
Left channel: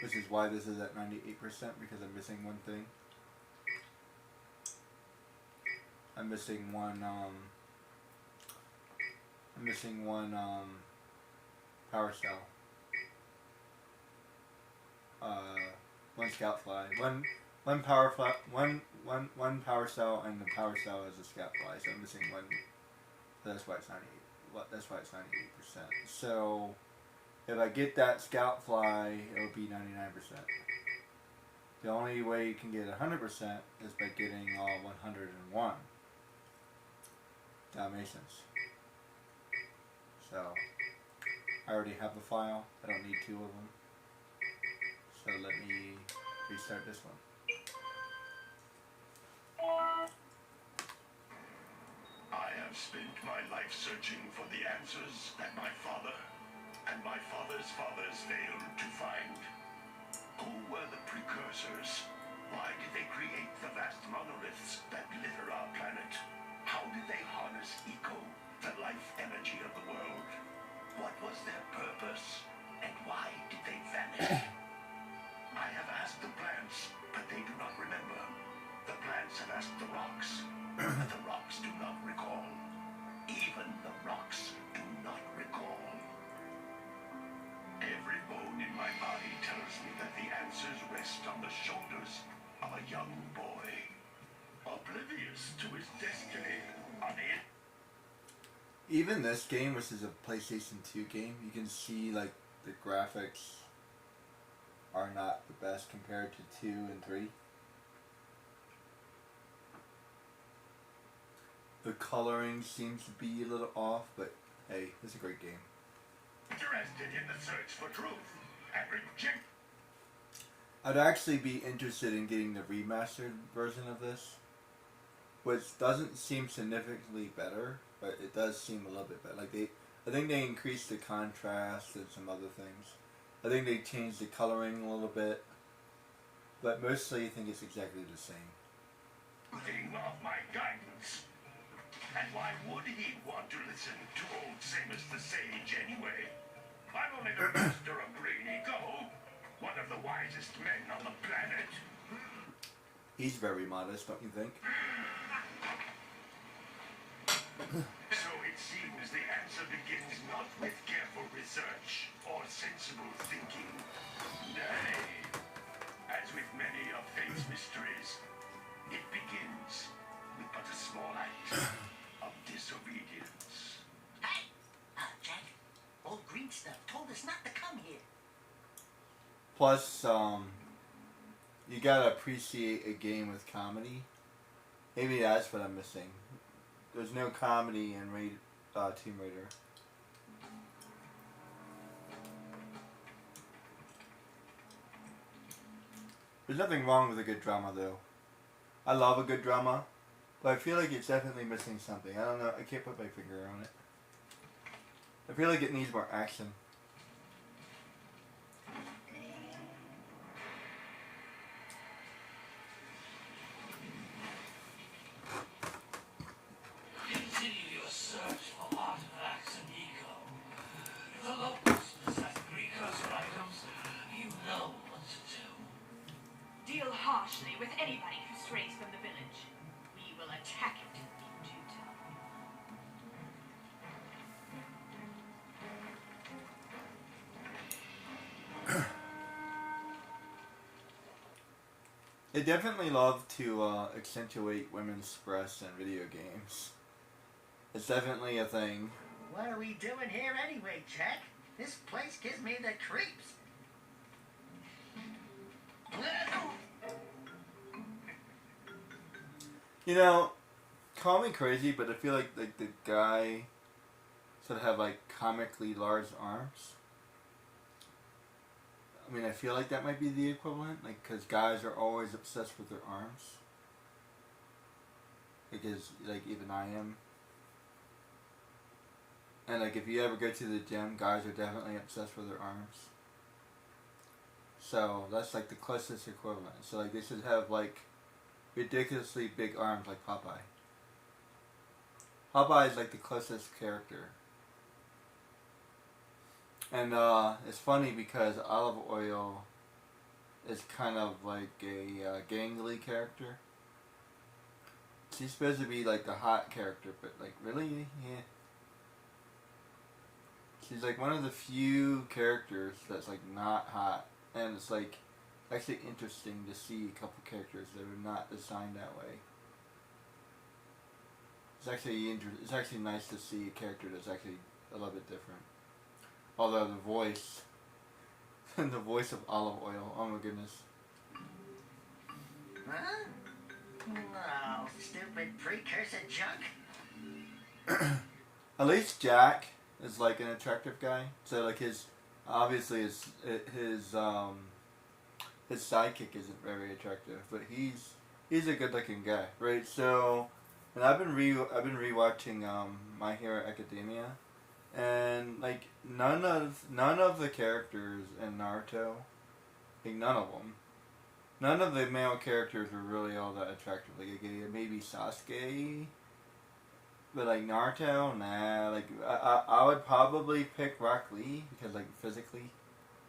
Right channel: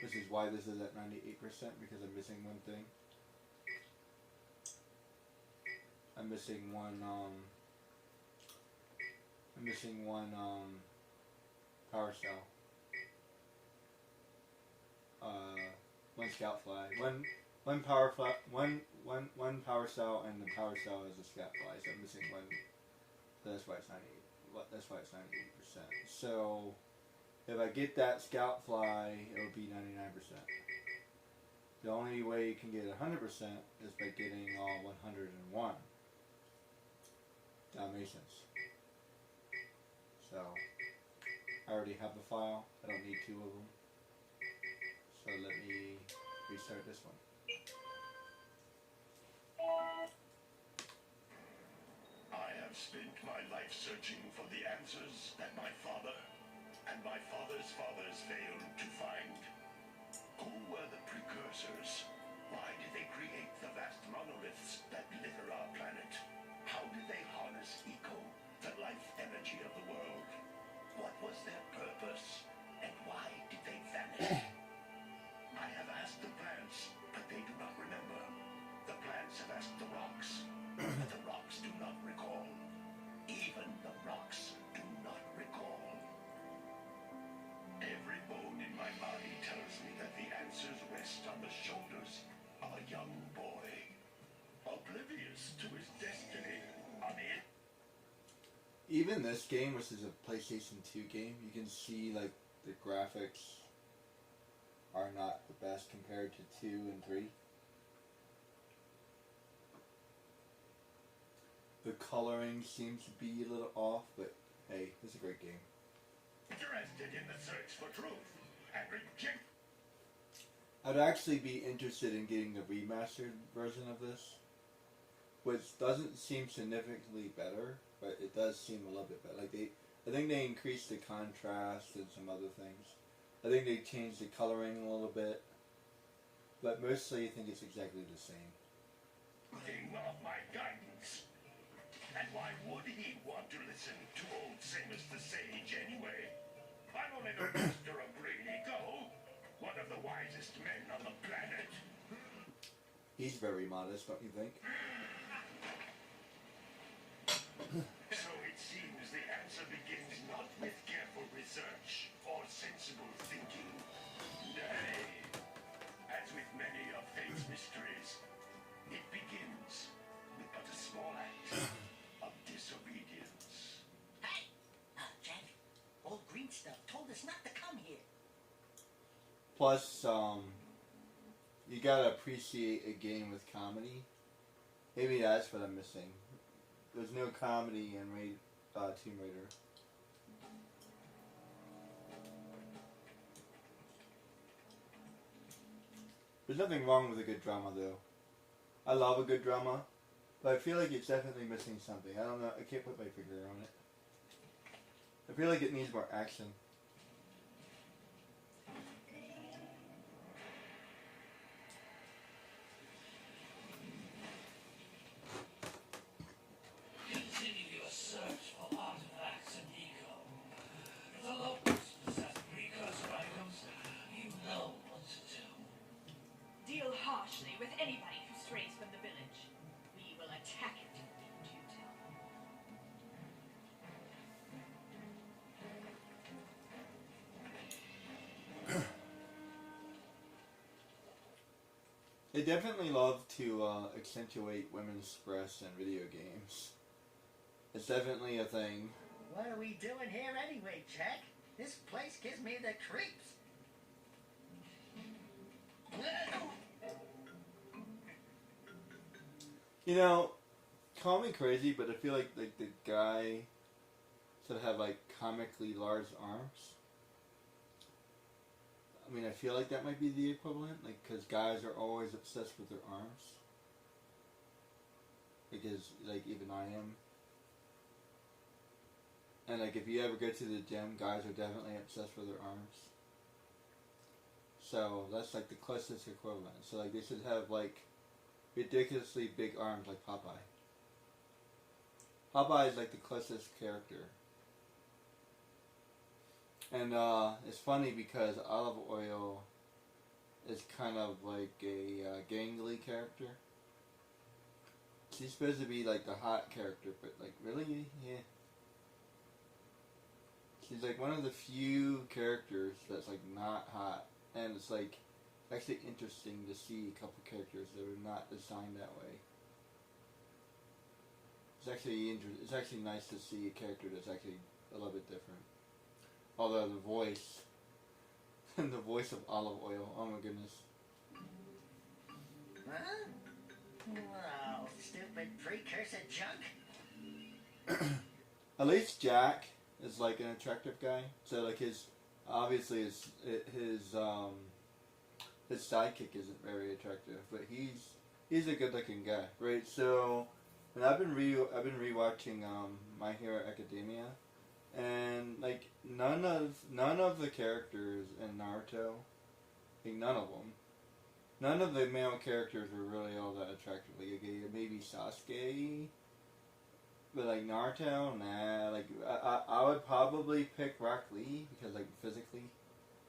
Which is why this is at 98%, because I'm missing one thing. I'm missing one power cell. One scout fly. One power cell, and the power cell is a scout fly, so I'm missing one. So that's why it's 98. That's why it's 98%. So if I get that scout fly, it'll be 99%. The only way you can get 100% is by getting all 101 Dalmatians. So I already have the file. I don't need 2 of them. So let me restart this one. I have spent my life searching for the answers that my father and my father's fathers failed to find. Who were the precursors? Why did they create the vast monoliths that litter our planet? How did they harness eco, the life energy of the world? What was their purpose? And why did they vanish? I have asked the plants, but they do not remember. The plants have asked the rocks, but the rocks do not recall. Even the rocks do not recall. Every bone in my body tells me that the answers rest on the shoulders of a young boy, oblivious to his destiny on the end. Even this game, which is a PlayStation 2 game, you can see like the graphics are not the best compared to 2 and 3. The coloring seems to be a little off, but hey, it's a great game. Interested in the search for truth and reject. I'd actually be interested in getting the remastered version of this, which doesn't seem significantly better, but it does seem a little bit better. Like I think they increased the contrast and some other things. I think they changed the coloring a little bit, but mostly I think it's exactly the same. Thing of my guidance. And why would he want to listen to old Samus the Sage anyway? I'm only the master of Green Eco, one of the wisest men on the planet. He's very modest, don't you think? So it seems the answer begins not with careful research or sensible thinking. Nay, as with many of fate's mysteries, it begins with but a small act of disobedience. Hey! Jack, old green stuff told us not to come here. Plus, you gotta appreciate a game with comedy. Maybe that's what I'm missing. There's no comedy in Tomb Raider. There's nothing wrong with a good drama, though. I love a good drama, but I feel like it's definitely missing something. I don't know. I can't put my finger on it. I feel like it needs more action. Continue your search for artifacts and eco. The locals possess precursor items. You know what to do. Deal harshly with anybody who They definitely love to accentuate women's breasts in video games. It's definitely a thing. What are we doing here anyway, Jack? This place gives me the creeps. You know, call me crazy, but I feel like the guy sort of have like comically large arms. I mean, I feel like that might be the equivalent, like, because guys are always obsessed with their arms. Because, like, even I am. And, like, if you ever go to the gym, guys are definitely obsessed with their arms. So, that's, like, the closest equivalent. So, like, they should have, like, ridiculously big arms like Popeye. Popeye is, like, the closest character. And it's funny because Olive Oil is kind of like a gangly character. She's supposed to be like the hot character, but like really, yeah. She's like one of the few characters that's like not hot, and it's like actually interesting to see a couple characters that are not designed that way. It's actually nice to see a character that's actually a little bit different. Although the voice of Olive Oil, oh my goodness. Huh? Oh, stupid precursor junk. At least Jack is like an attractive guy. So like his sidekick isn't very attractive, but he's a good looking guy, right? So, and I've been rewatching My Hero Academia. And like none of the characters in Naruto, like none of the male characters were really all that attractive. Like maybe Sasuke, but like Naruto, nah. Like I would probably pick Rock Lee because like physically,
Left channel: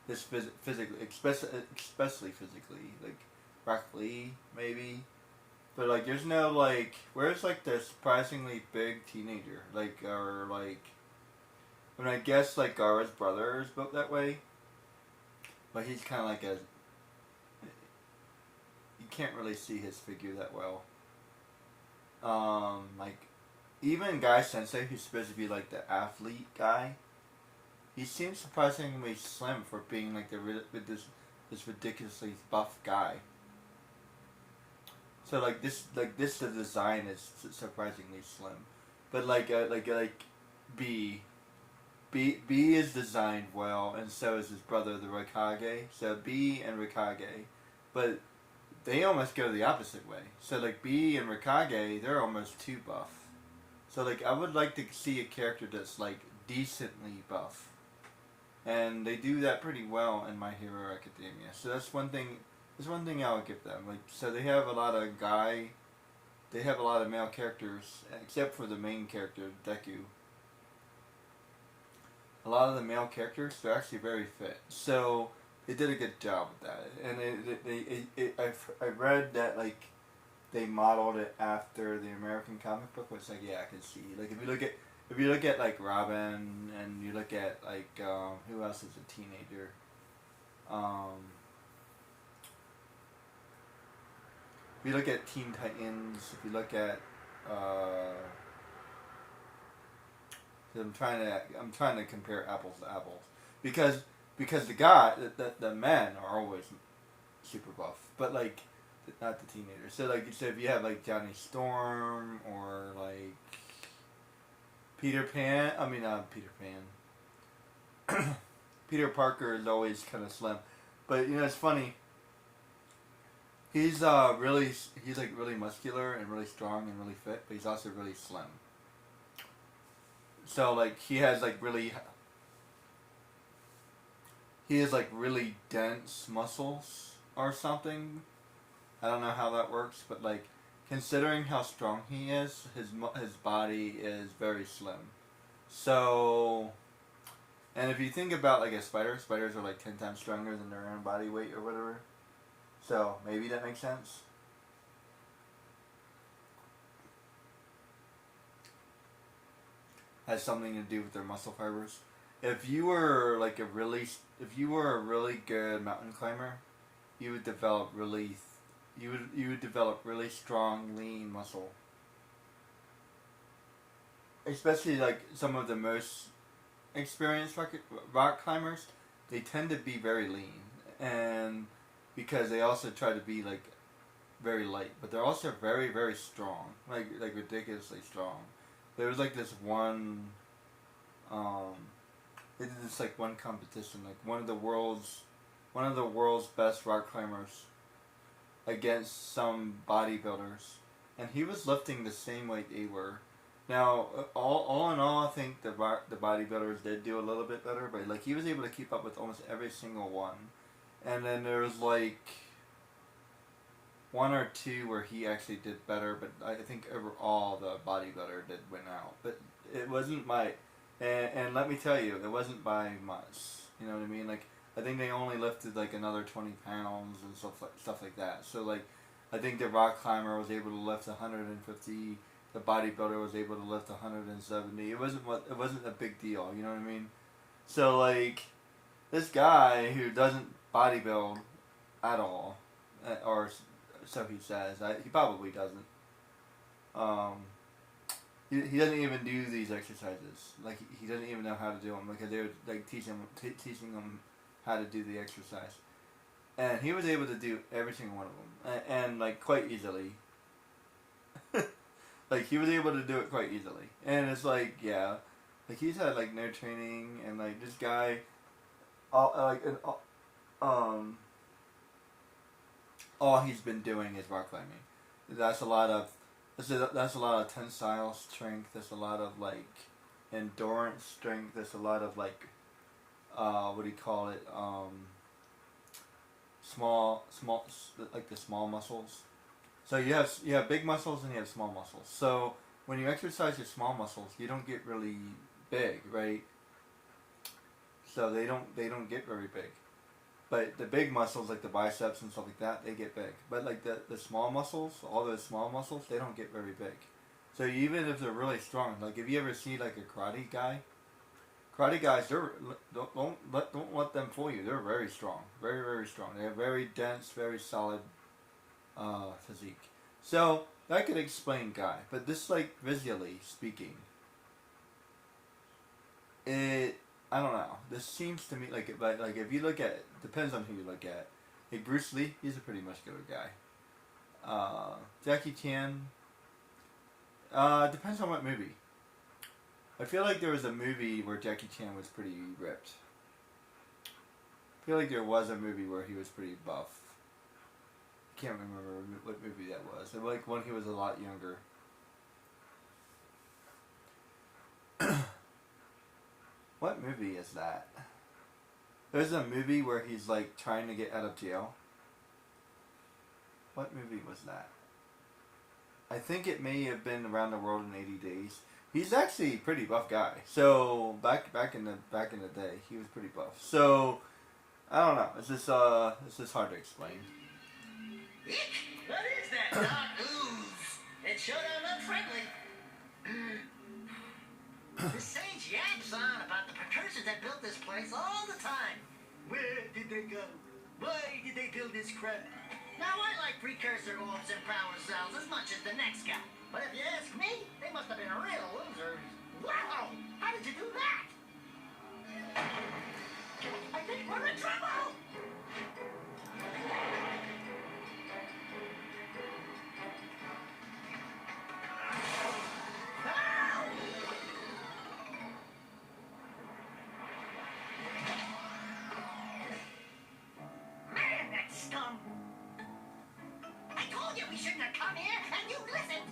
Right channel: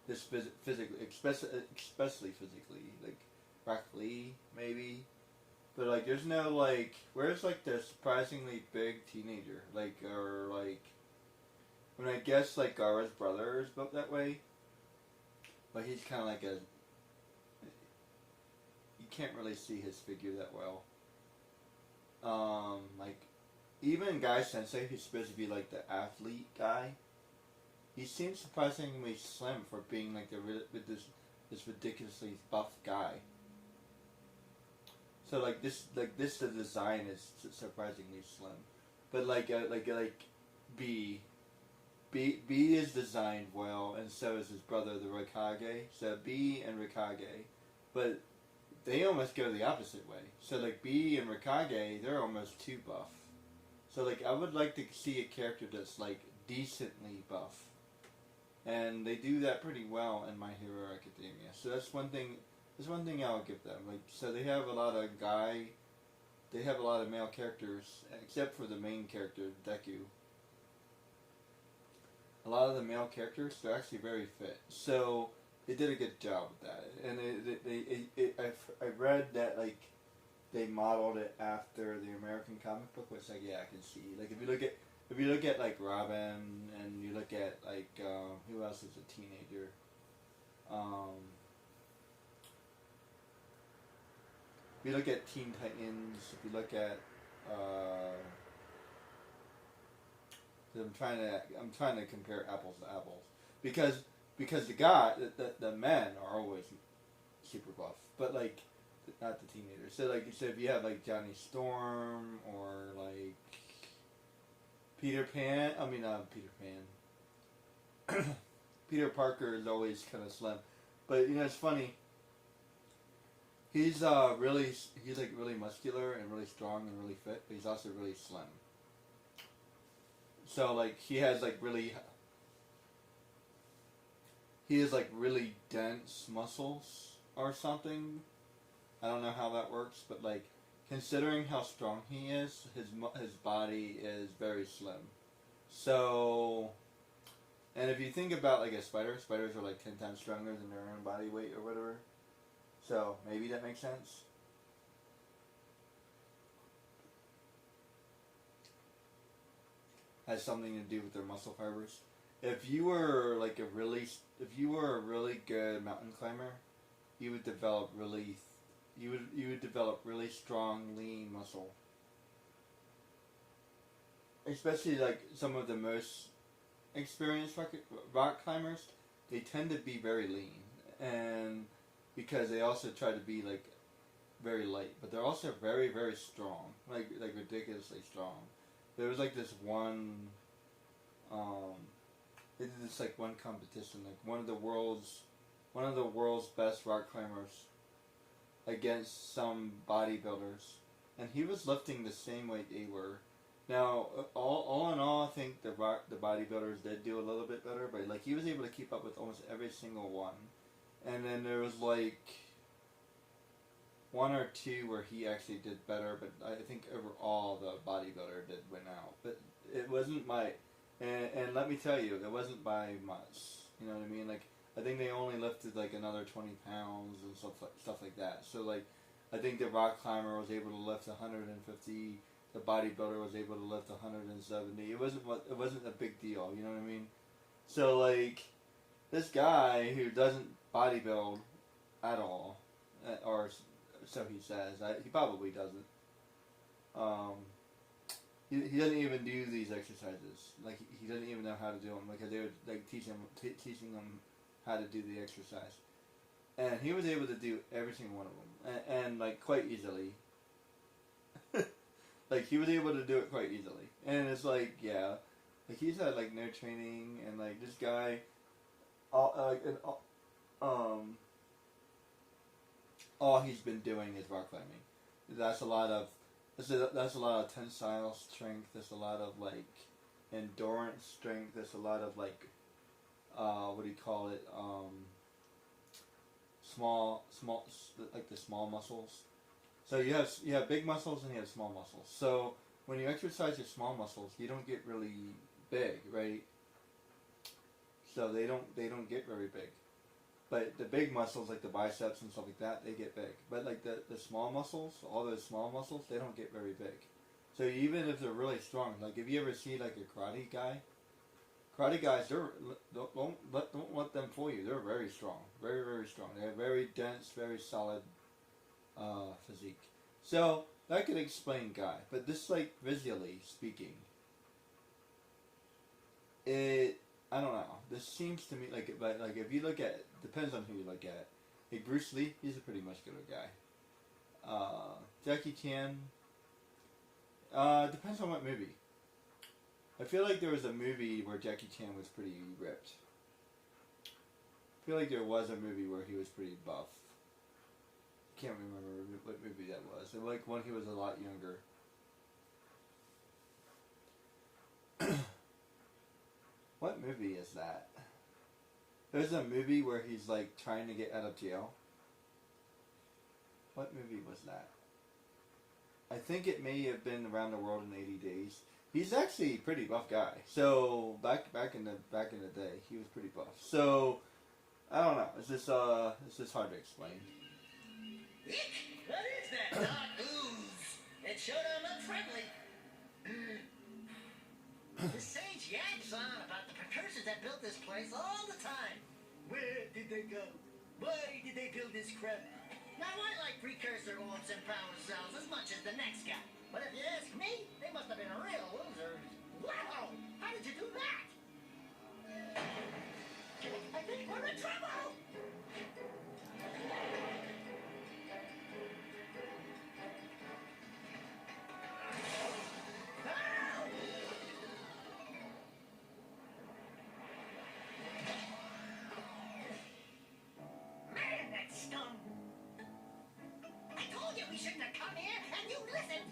especially physically, like Rock Lee maybe. But like there's no like where's like the surprisingly big teenager like or like. I mean, I guess like Gaara's brother is built that way, but he's kind of like you can't really see his figure that well. Like even Guy Sensei, who's supposed to be like the athlete guy, he seems surprisingly slim for being like this ridiculously buff guy. So like this the design is surprisingly slim, but like B is designed well, and so is his brother, the Raikage. So B and Raikage, but they almost go the opposite way. So like B and Raikage, they're almost too buff. So like I would like to see a character that's like decently buff, and they do that pretty well in My Hero Academia. So that's one thing. There's one thing I'll give them. Like so, they have a lot of male characters, except for the main character, Deku. A lot of the male characters, they're actually very fit. So they did a good job with that. And I read that like they modeled it after the American comic book, which like yeah I can see. Like if you look at like Robin and you look at like who else is a teenager? If you look at Teen Titans, if you look at I'm trying to compare apples to apples because the men are always super buff, but like not the teenagers. So like so if you have like Johnny Storm or like Peter Pan, Peter Parker is always kind of slim, but you know it's funny. He's really muscular and really strong and really fit, but he's also really slim. So like he has really dense muscles or something. I don't know how that works, but like considering how strong he is, his body is very slim. So, and if you think about like a spider, spiders are like 10 times stronger than their own body weight or whatever. So maybe that makes sense. Has something to do with their muscle fibers. If you were a really good mountain climber, you would develop really you would develop really strong, lean muscle. Especially like some of the most experienced rock climbers, they tend to be very lean, and because they also try to be like very light, but they're also very, very strong, like ridiculously strong. There was like this one, they did this like one competition, like one of the world's best rock climbers against some bodybuilders, and he was lifting the same weight they were. Now, all in all, I think the bodybuilders did do a little bit better, but like he was able to keep up with almost every single one. And then there was like one or two where he actually did better, but I think overall the bodybuilder did win out. But it wasn't by, and let me tell you, it wasn't by much. You know what I mean? Like I think they only lifted like another 20 pounds and stuff like that. So like I think the rock climber was able to lift 150. The bodybuilder was able to lift 170. It wasn't a big deal. You know what I mean? So like this guy who doesn't bodybuild at all, or so he says. He probably doesn't. He doesn't even do these exercises. Like he doesn't even know how to do them. Like they were like teaching him how to do the exercise, and he was able to do every single one of them, and like quite easily. Like he was able to do it quite easily, and it's like like he's had like no training, and like this guy, all he's been doing is rock climbing. That's a lot of tensile strength. That's a lot of like endurance strength. That's a lot of like what do you call it? Small like the small muscles. So you have big muscles and you have small muscles. So when you exercise your small muscles, you don't get really big, right? So they don't get very big. But the big muscles like the biceps and stuff like that, they get big. But like the small muscles, all those small muscles, they don't get very big. So even if they're really strong, like if you ever see like a karate guys, don't let them fool you. They're very strong, very, very strong. They have very dense, very solid physique. So that could explain Guy, but this like visually speaking, I don't know. This seems to me like if you look at it, depends on who you look at. Like Bruce Lee, he's a pretty muscular guy. Jackie Chan, depends on what movie. I feel like there was a movie where Jackie Chan was pretty ripped. I feel like there was a movie where he was pretty buff. I can't remember what movie that was. It was like when he was a lot younger. What movie is that? There's a movie where he's like trying to get out of jail. What movie was that? I think it may have been Around the World in 80 Days. He's actually a pretty buff guy. So back in the day, he was pretty buff. So I don't know. It's just hard to explain. What is that dark ooze? It sure don't look friendly. The sage yaps on about the precursors that built this place all the time. Where did they go? Why did they build this crap? Now I like precursor orbs and power cells as much as the next guy. But if you ask me, they must have been real losers. Wow! How did you do that? I think we're in trouble! Man, that scum! I told you we shouldn't have come here, and you listened!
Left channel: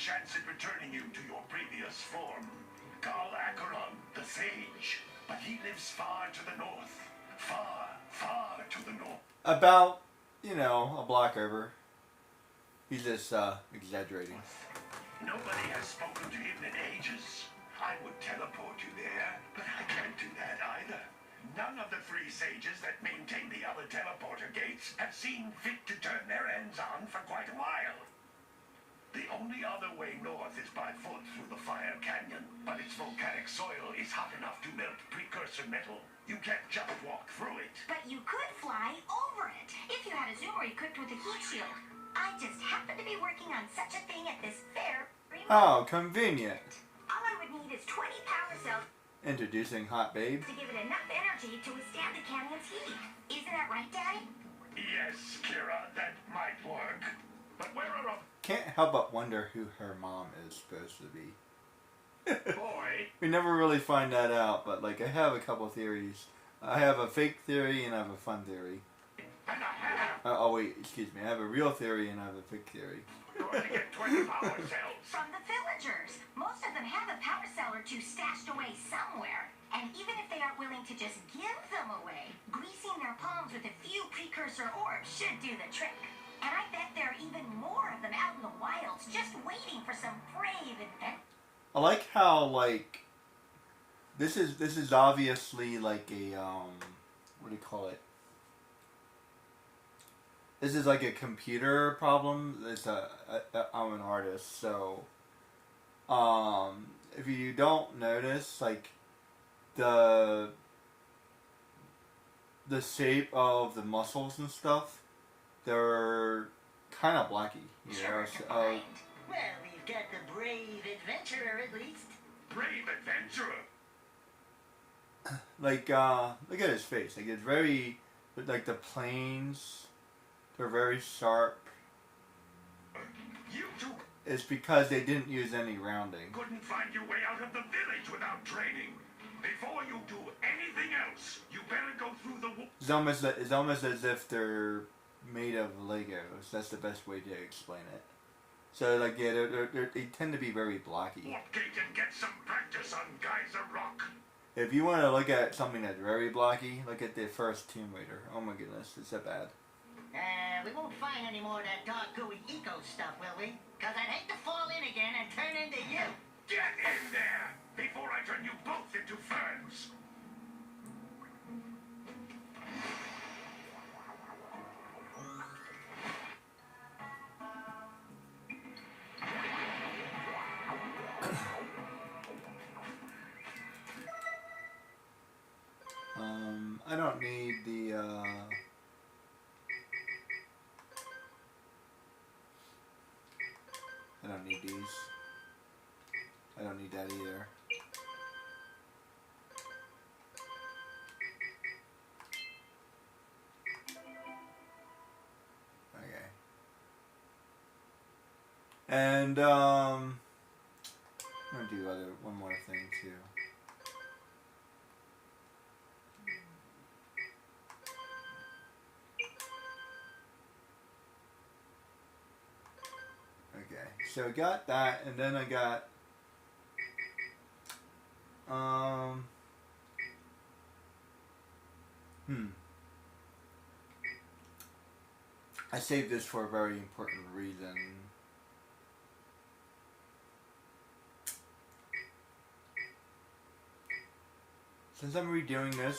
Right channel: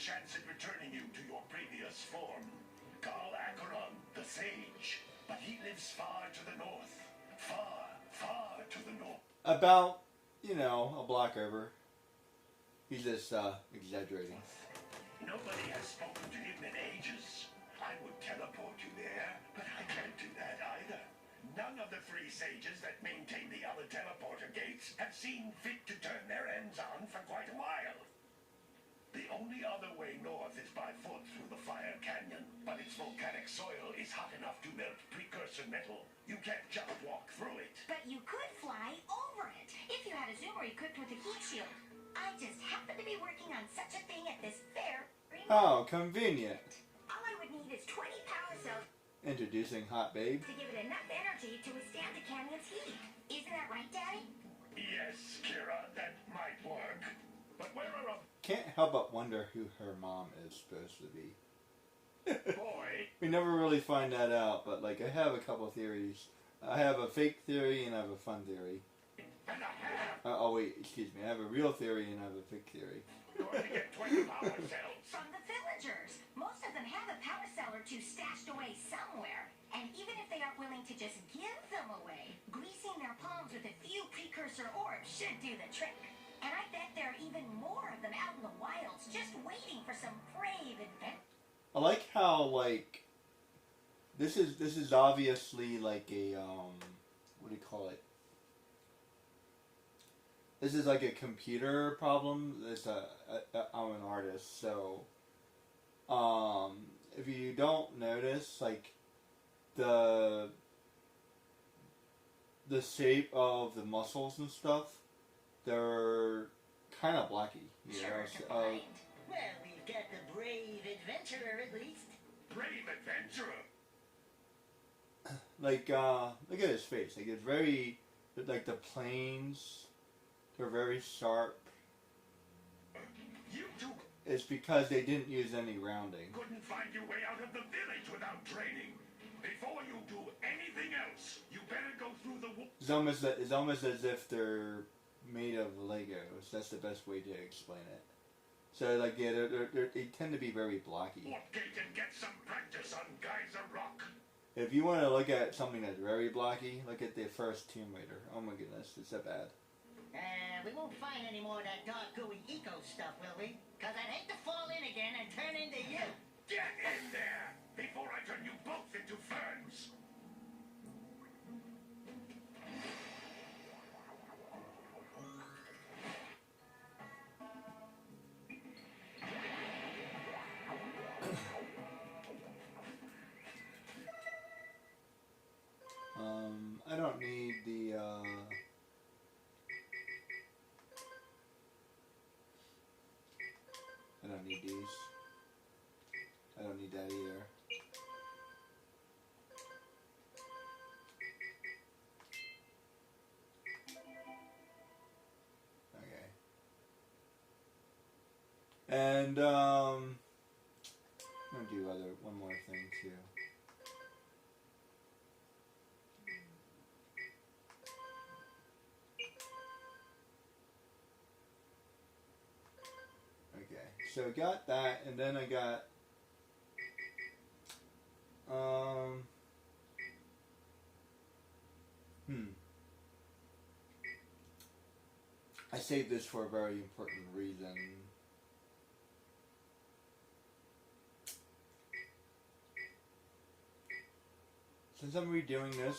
chance at returning you to your previous form. Karl Acheron, the Sage. But he lives far to the north. Far, far to the north. About, you know, a block over. He's just exaggerating. Nobody has spoken to him in ages. I would teleport you there, but I can't do that either. None of the three sages that maintain the other teleporter gates have seen fit to turn their ends on for quite a while. The only other way north is by foot through the Fire Canyon, but its volcanic soil is hot enough to melt precursor metal. You can't just walk through it. But you could fly over it if you had a zoomer equipped with a heat shield. I just happen to be working on such a thing at this fair. Oh, convenient. All I would need is 20 power cells Introducing Hot Babe. to give it enough energy to withstand the canyon's heat. Isn't that right, Daddy? Yes, Kira, that might work. But where are Can't help but wonder who her mom is supposed to be. a boy? We never really find that out, but like I have a couple theories. I have a fake theory and I have a fun theory. And a half. Oh wait, excuse me. I have a real theory and I have a fake theory. Going to get 20 power cells. From the villagers. Most of them have a power cell or two stashed away somewhere. And even if they aren't willing to just give them away, greasing their palms with a few precursor orbs should do the trick. And I bet there are even more of them out in the wilds just waiting for some brave adventure. I like how like this is obviously like a what do you call it? This is like a computer problem. I'm an artist, so if you don't notice, like the shape of the muscles and stuff, they're kind of blocky. You know, Sure so, to find. Well, we've got the brave adventurer at least. Brave adventurer. like look at his face. Like it's very like the planes. They're very sharp. You two It's because they didn't use any rounding. couldn't find your way out of the village without training. Before you do anything else, you better go through the It's almost as if they're made of Legos. That's the best way to explain it. So like yeah, they tend to be very blocky. warp gate and get some practice on Geyser Rock. If you want to look at something that's very blocky, look at the first Tomb Raider. Oh my goodness, it's that bad. We won't find any more of that dark gooey eco stuff, will we? Cause I'd hate to fall in again and turn into you. Get in there before I turn you both into ferns. I don't need the I don't need these. I don't need that either. Okay. And I'm gonna do one more thing too. So I got that, and then I got I saved this for a very important reason. Since I'm redoing this,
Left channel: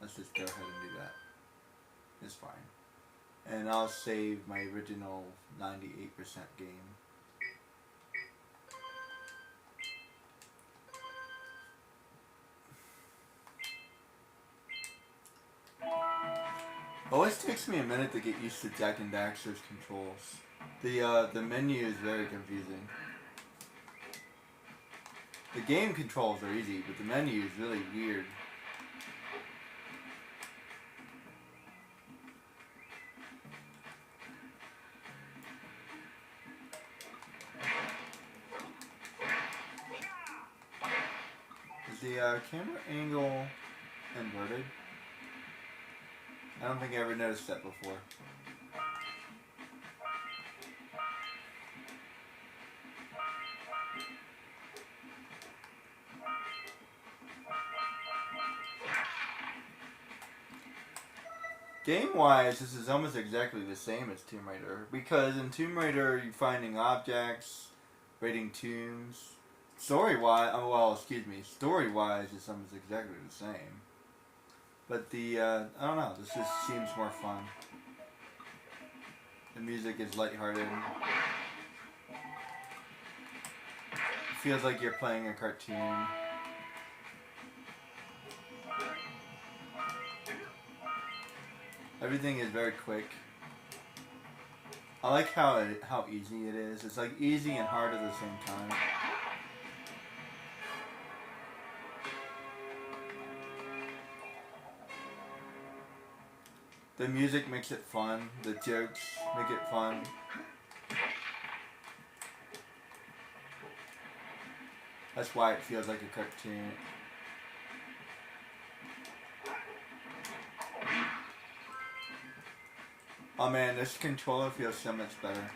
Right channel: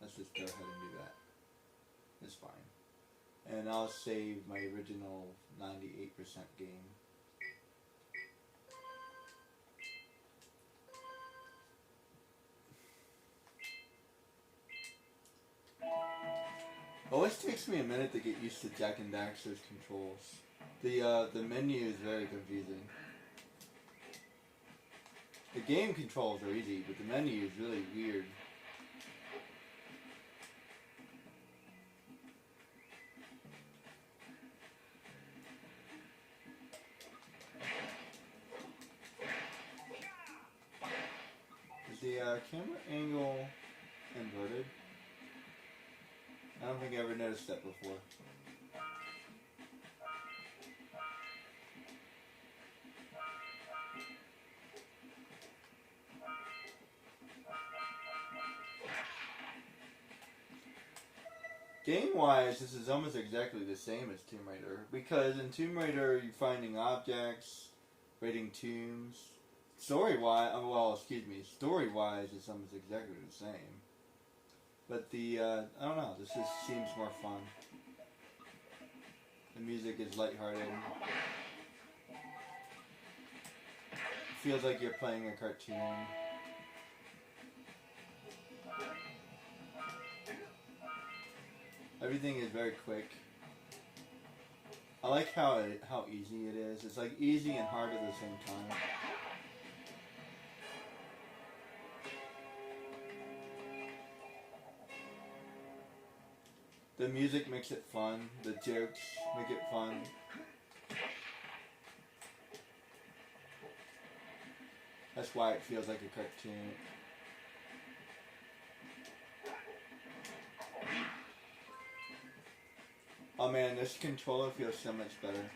let's just go ahead and do that. It's fine. And I'll save my original 98% game. Always takes me a minute to get used to Jak and Daxter's controls. The menu is very confusing. The game controls are easy, but the menu is really weird. Is the camera angle inverted? I don't think I ever noticed that before. game-wise, this is almost exactly the same as Tomb Raider, because in Tomb Raider you're finding objects, raiding tombs. Story-wise, story-wise, it's almost exactly the same. But I don't know, this just seems more fun. The music is lighthearted. It feels like you're playing a cartoon. Everything is very quick. I like how easy it is. It's like easy and hard at the same time. The music makes it fun. The jokes make it fun. That's why it feels like a cartoon. Oh man, this controller feels so much better.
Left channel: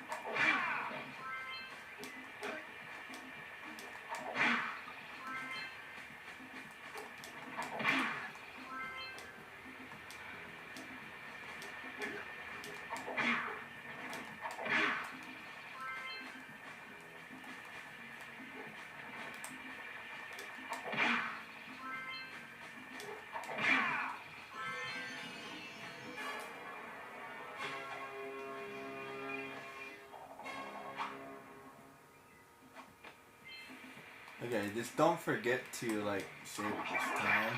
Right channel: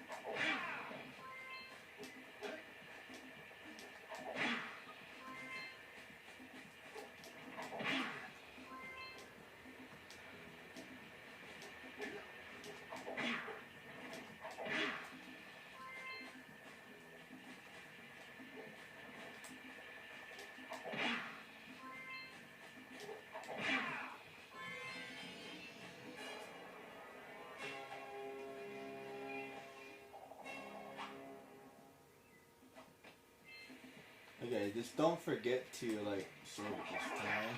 Okay, just don't forget to like save it this time.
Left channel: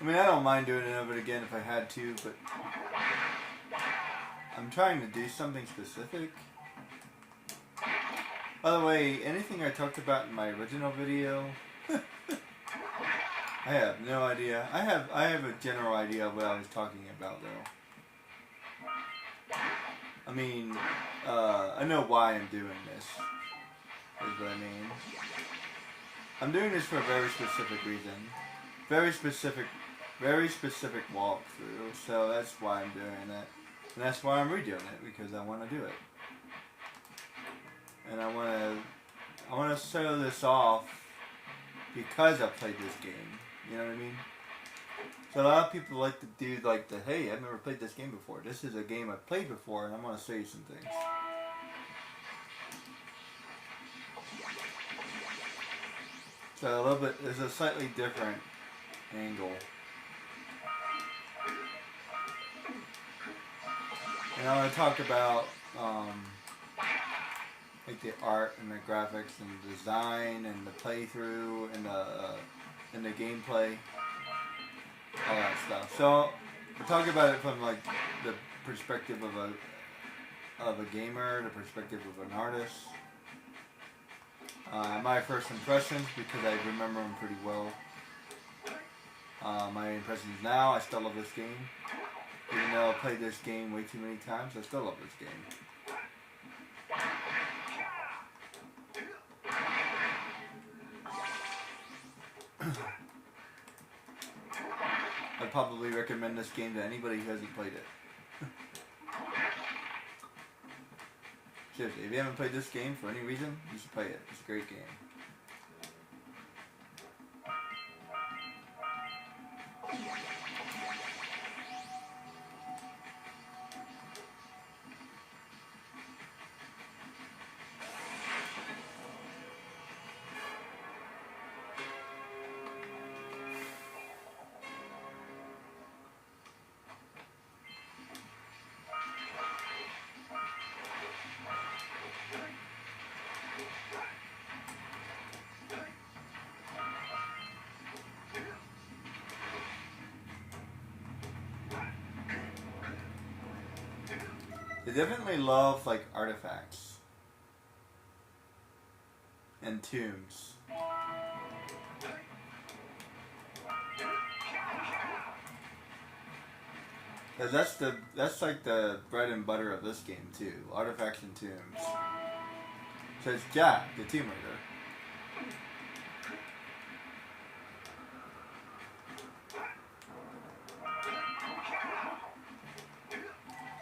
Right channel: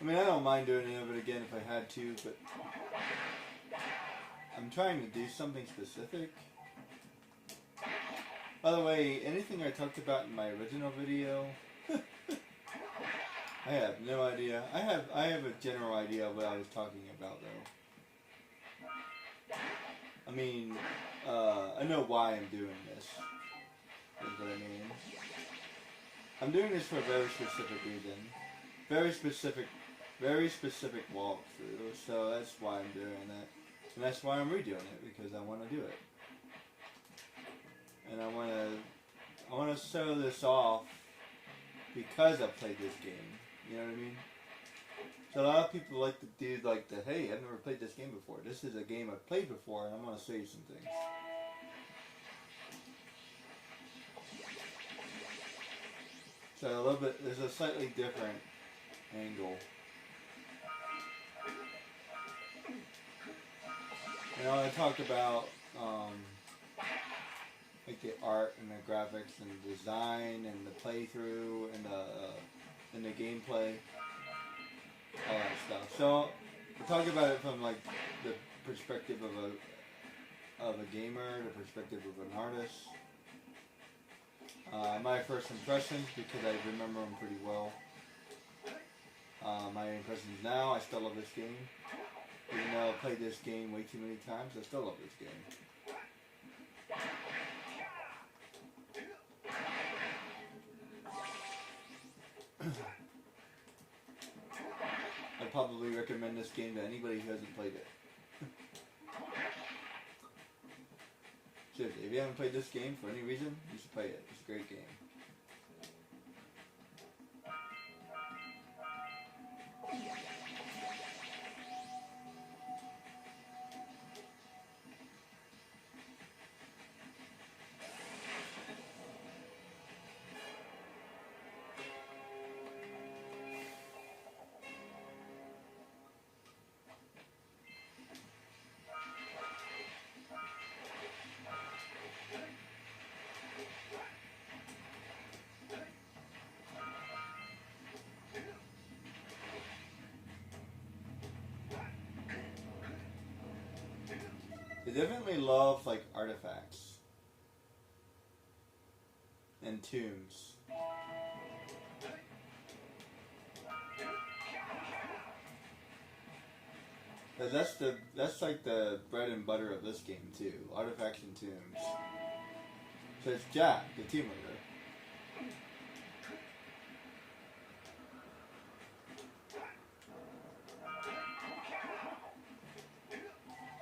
I mean, I don't mind doing it over again if I had to, but I'm trying to do something specific. By the way, anything I talked about in my original video, I have no idea. I have a general idea of what I was talking about though. I mean, I know why I'm doing this. Is what I mean. I'm doing this for a very specific reason. Very specific walkthrough. So that's why I'm doing it. And that's why I'm redoing it, because I want to do it. And I want to show this off because I played this game. You know what I mean? So a lot of people like to do like the, hey, I've never played this game before. This is a game I've played before, and I want to show you some things. So a little bit, there's a slightly different angle. And I'm going to talk about like the art and the graphics and the design and the playthrough and the gameplay, all that stuff. So we'll talk about it from like the perspective of a gamer, the perspective of an artist. My first impressions, because I remember them pretty well. My impressions now, I still love this game. Even though I played this game way too many times, I still love this game. I'd probably recommend this game to anybody who hasn't played it. Seriously, if you haven't played this game for any reason, you should play it. It's a great game. They definitely love like artifacts and tombs. Cause that's like the bread and butter of this game too, artifacts and tombs. So it's Jack, the Tomb Raider.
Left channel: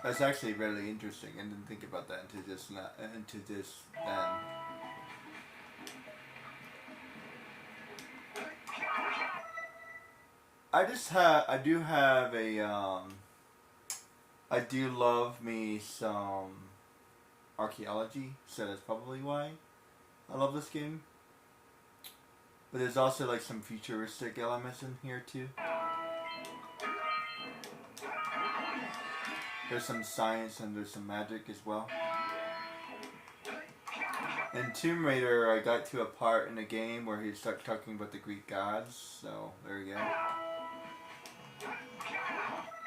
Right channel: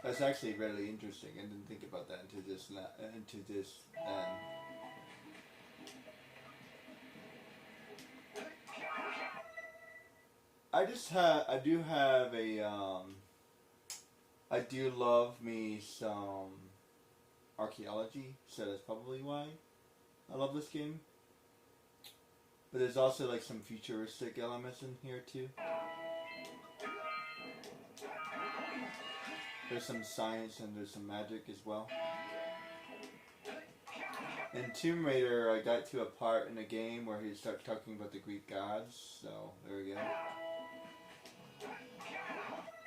That's actually really interesting. I didn't think about that until just then. I do have a I do love me some archaeology, so that's probably why I love this game. But there's also like some futuristic elements in here too. There's some science and there's some magic as well. In Tomb Raider, I got to a part in the game where he started talking about the Greek gods, so there you go.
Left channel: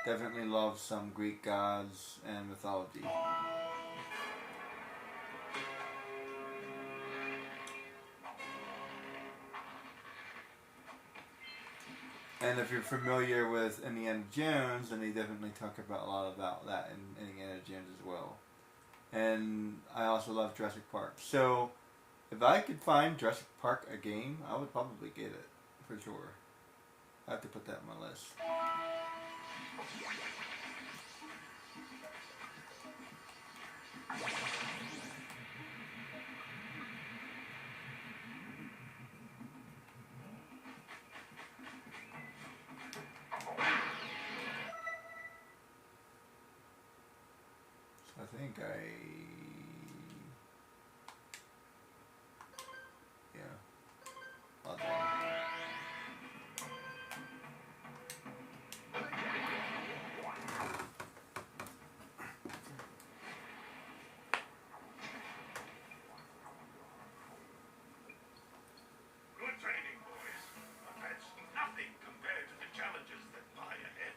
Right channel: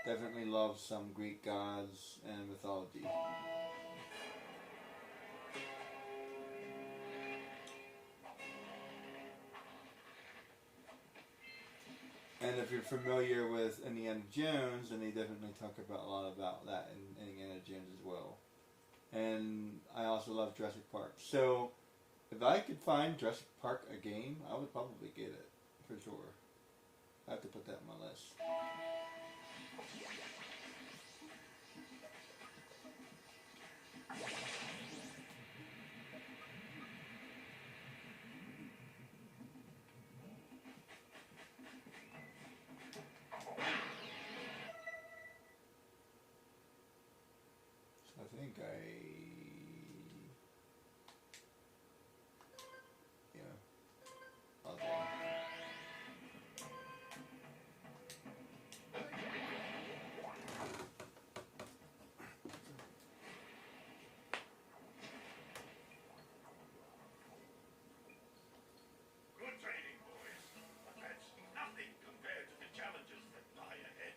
Definitely love some Greek gods and mythology. And if you're familiar with Indiana Jones, then they definitely talk about a lot about that in Indiana Jones as well. And I also love Jurassic Park. So, if I could find Jurassic Park a game, I would probably get it, for sure. I have to put that on my list. So I think I'll do it. Good training, boys. But that's nothing compared to the challenges that lie ahead.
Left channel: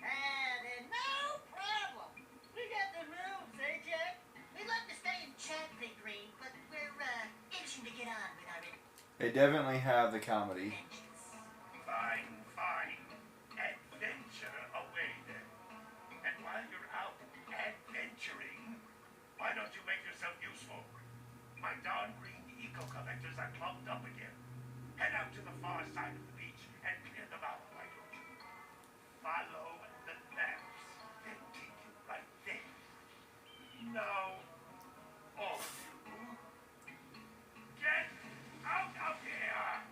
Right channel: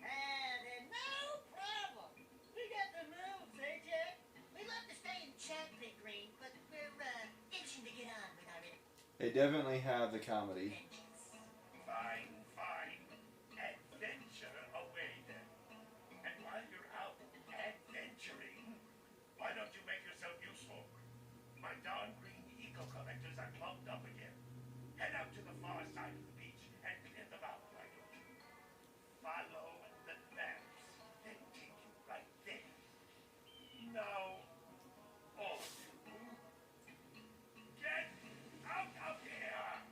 And no problem. We got the rules, eh, Jack? We'd love to stay in check, Big Green, but we're itching to get on with our They definitely have the comedy. adventures. Fine, fine. Adventure away then. And while you're out adventuring, why don't you make yourself useful? My darn green eco-collectors are clumped up again. Head out to the far side of the beach and clear them out, why don't you? Follow the maps. They'll take you right there. Now, all of you, get out of here!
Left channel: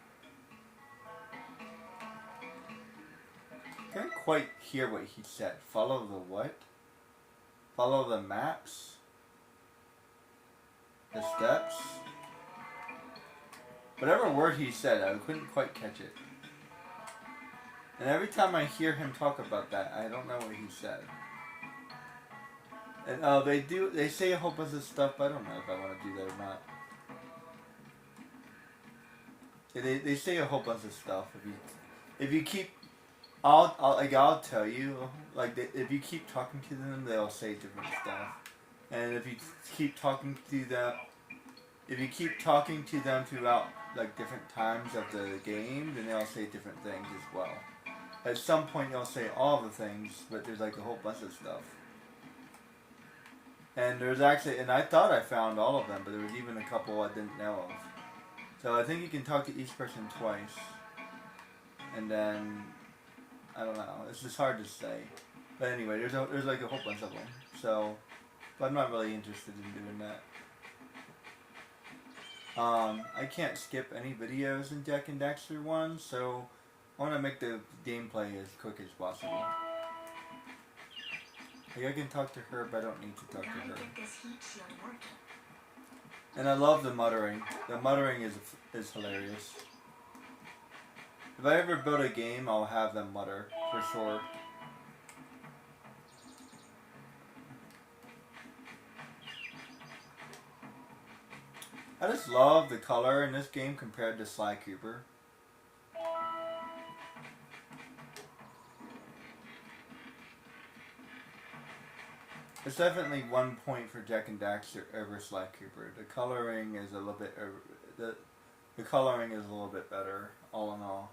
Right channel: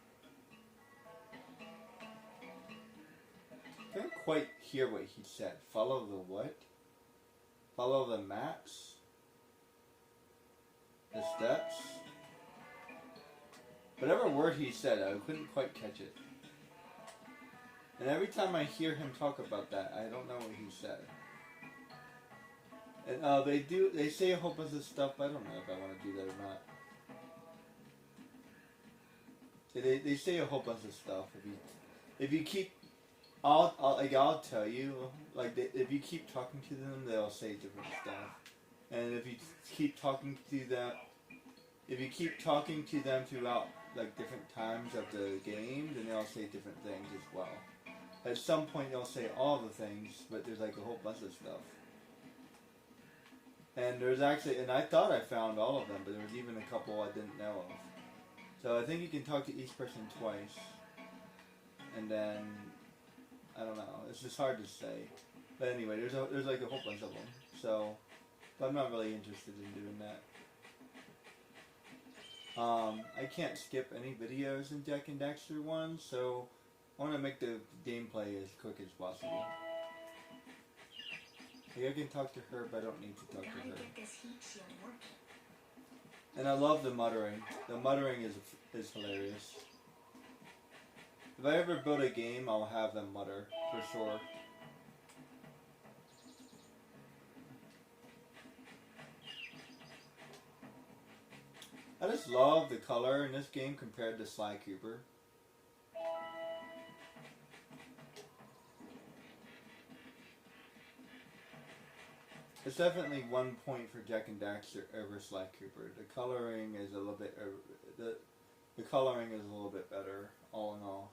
Can't quite hear what he said. Follow the what? Follow the maps? The steps? Whatever word he said, I couldn't quite catch it. And every time I hear him talk about that, I don't know what he said. And they say a whole bunch of stuff, but I don't know if I want to do that or not. Yeah, they say a whole bunch of stuff. If you keep, I'll tell you, if you keep talking to them, they'll say different stuff. And if you keep talking to them, throughout like different times of the game, then they'll say different things as well. At some point, they'll say all the things, but there's like a whole bunch of stuff. And there's actually, and I thought I found all of them, but there was even a couple I didn't know of. So I think you can talk to each person twice, and then I don't know. It's just hard to say. But anyway, there's like a whole bunch of them. So, but I'm not really interested in doing that. I can't skip any videos in Jak and Daxter 1, so I want to make the gameplay as quick as possible. Like I can talk to her, but I don't need to talk to her. This heat shield working. And I love the muttering. The muttering is hilarious. If I ever build a game, I'll have them mutter, for sure. I just love the color in this game compared to Sly Cooper. It's definitely 1 point for Jak and Daxter over Sly Cooper. The coloring is a little bit the coloring is a little bit better, all in all.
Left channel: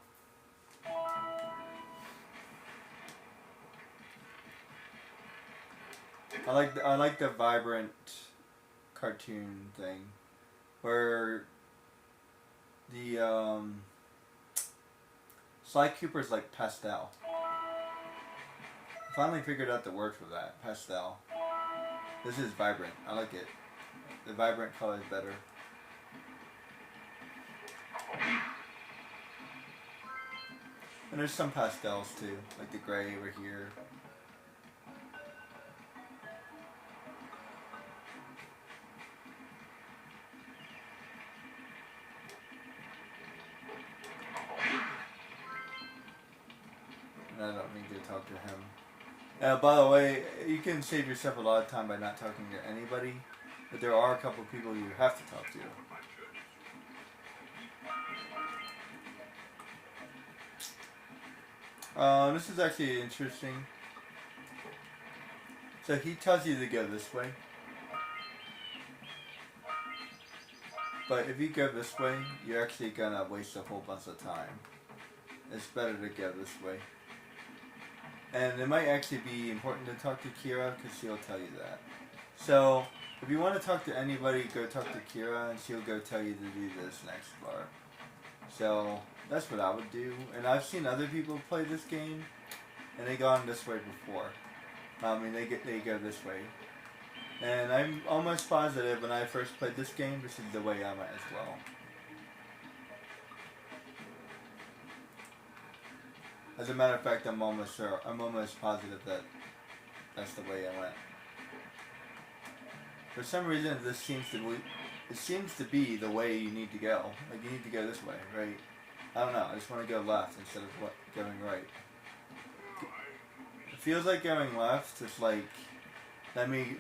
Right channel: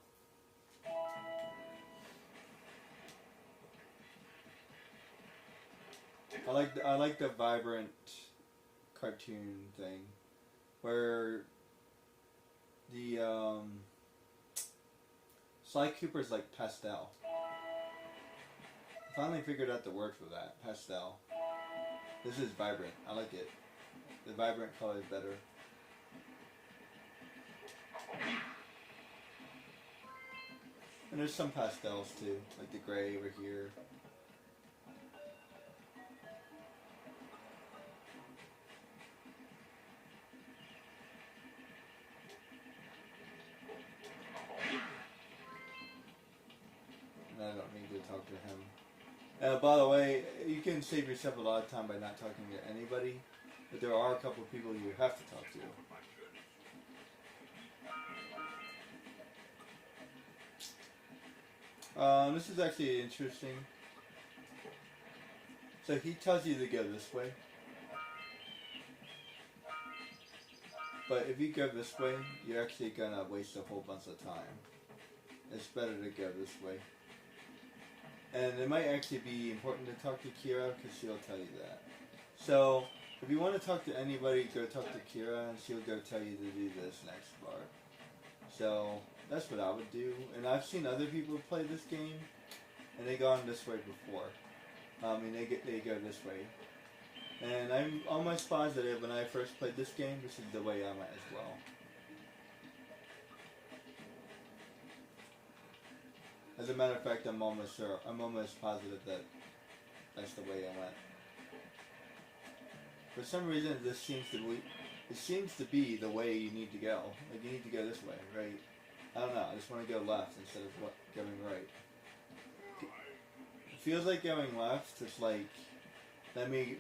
I like the vibrant cartoon thing, where the Sly Cooper's like pastel. I finally figured out the word for that, pastel. This is vibrant. I like it. The vibrant color is better. And there's some pastels too, like the gray over here. And I don't need to talk to him. By the way, you can save yourself a lot of time by not talking to anybody, but there are a couple of people you have to talk to. This is actually interesting. So he tells you to go this way. But if you go this way, you're actually gonna waste a whole bunch of time. It's better to go this way. And it might actually be important to talk to Kira because she'll tell you that. So if you want to talk to anybody, go talk to Kira and she'll go tell you to do this next part. So that's what I would do. And I've seen other people play this game and they gone this way before. I mean, they go this way. And I'm almost positive when I first played this game, this is the way I went as well. As a matter of fact, I'm almost positive that that's the way I went. For some reason, this seems to be the way you need to go. Like you need to go this way, right? I don't know. I just want to go left instead of going right. It feels like going left. It's like let me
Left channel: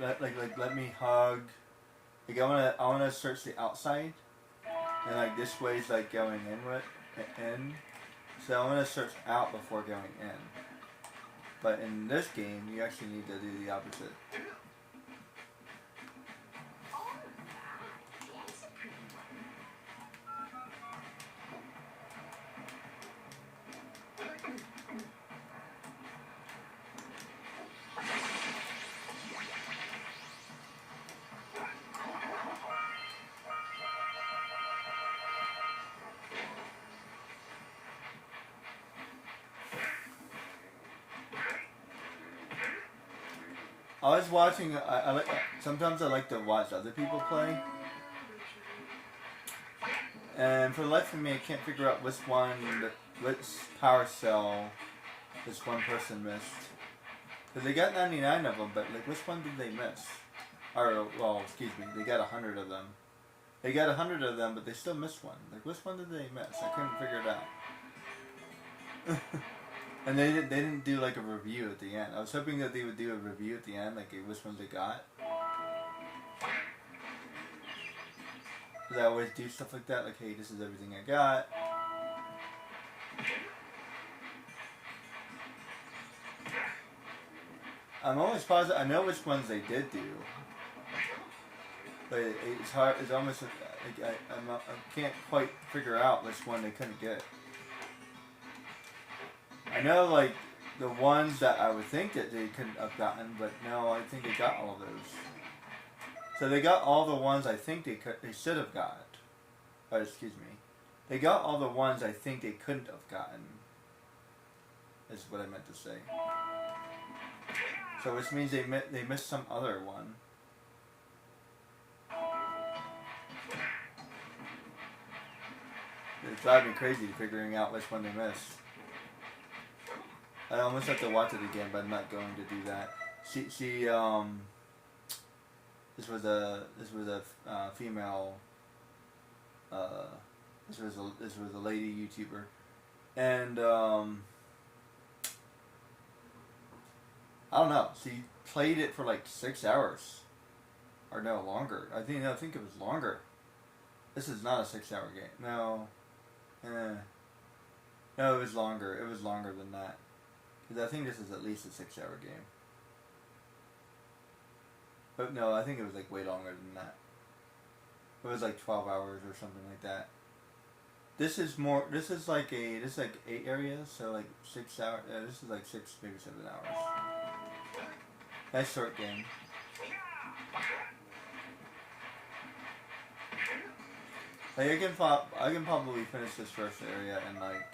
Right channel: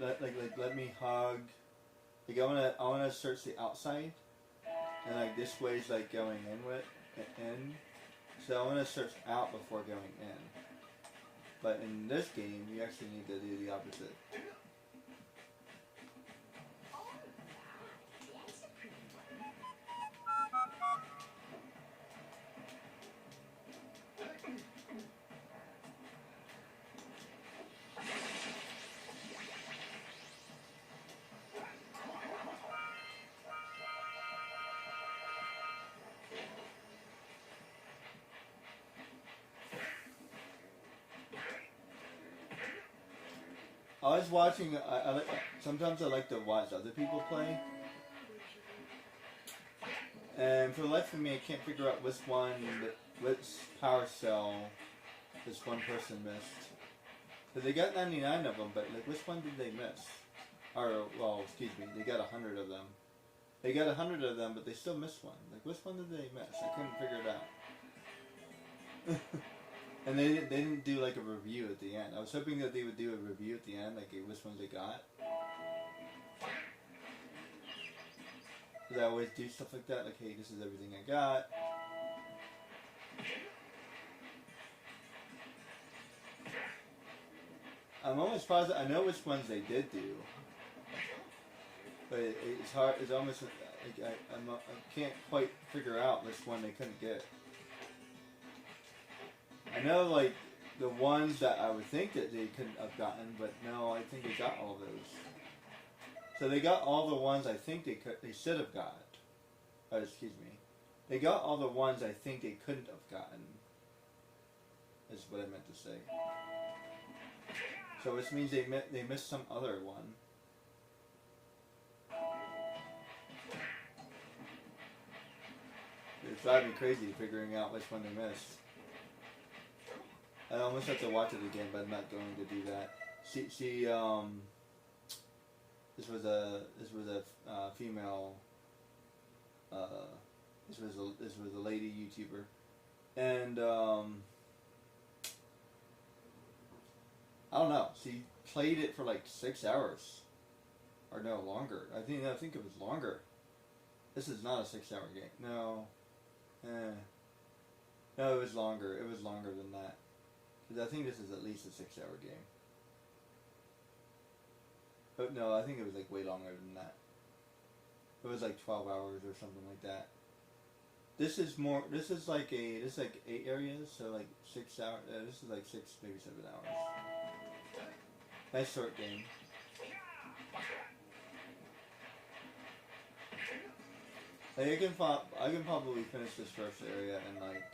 hug. Like I wanna search the outside, and like this way is like going in. So I want to search out before going in. But in this game, you actually need to do the opposite. I was watching. Sometimes I like to watch other people play, and for the life of me, I can't figure out which power cell this one person missed. Because they got 99 of them, but like which one did they miss? Or well, excuse me, they got 100 of them. They got 100 of them, but they still missed one. Like which one did they miss? I couldn't figure it out. And they didn't do like a review at the end. I was hoping that they would do a review at the end, like which ones they got. Because I always do stuff like that, like hey, this is everything I got. I'm almost positive, I know which ones they did do. But it's hard, it's almost, like, I can't quite figure out which one they couldn't get. I know, like, the ones that I would think that they couldn't have gotten, but no, I think they got all those. So they got all the ones I think they should have got. But excuse me, they got all the ones I think they couldn't have gotten. Is what I meant to say. So which means they missed some other one. It's driving me crazy figuring out which one they missed. I almost have to watch it again, but I'm not going to do that. This was a female. This was a lady YouTuber, and I don't know. She played it for like 6 hours, or no longer. I think it was longer. This is not a 6-hour game. No, no, it was longer. It was longer than that. Because I think this is at least a 6-hour game. But no, I think it was like way longer than that. It was like 12 hours or something like that. This is more. This is like 8 areas, so like 6 hours. This is like 6, maybe 7 hours. Nice short game. Like I can probably finish this first area in like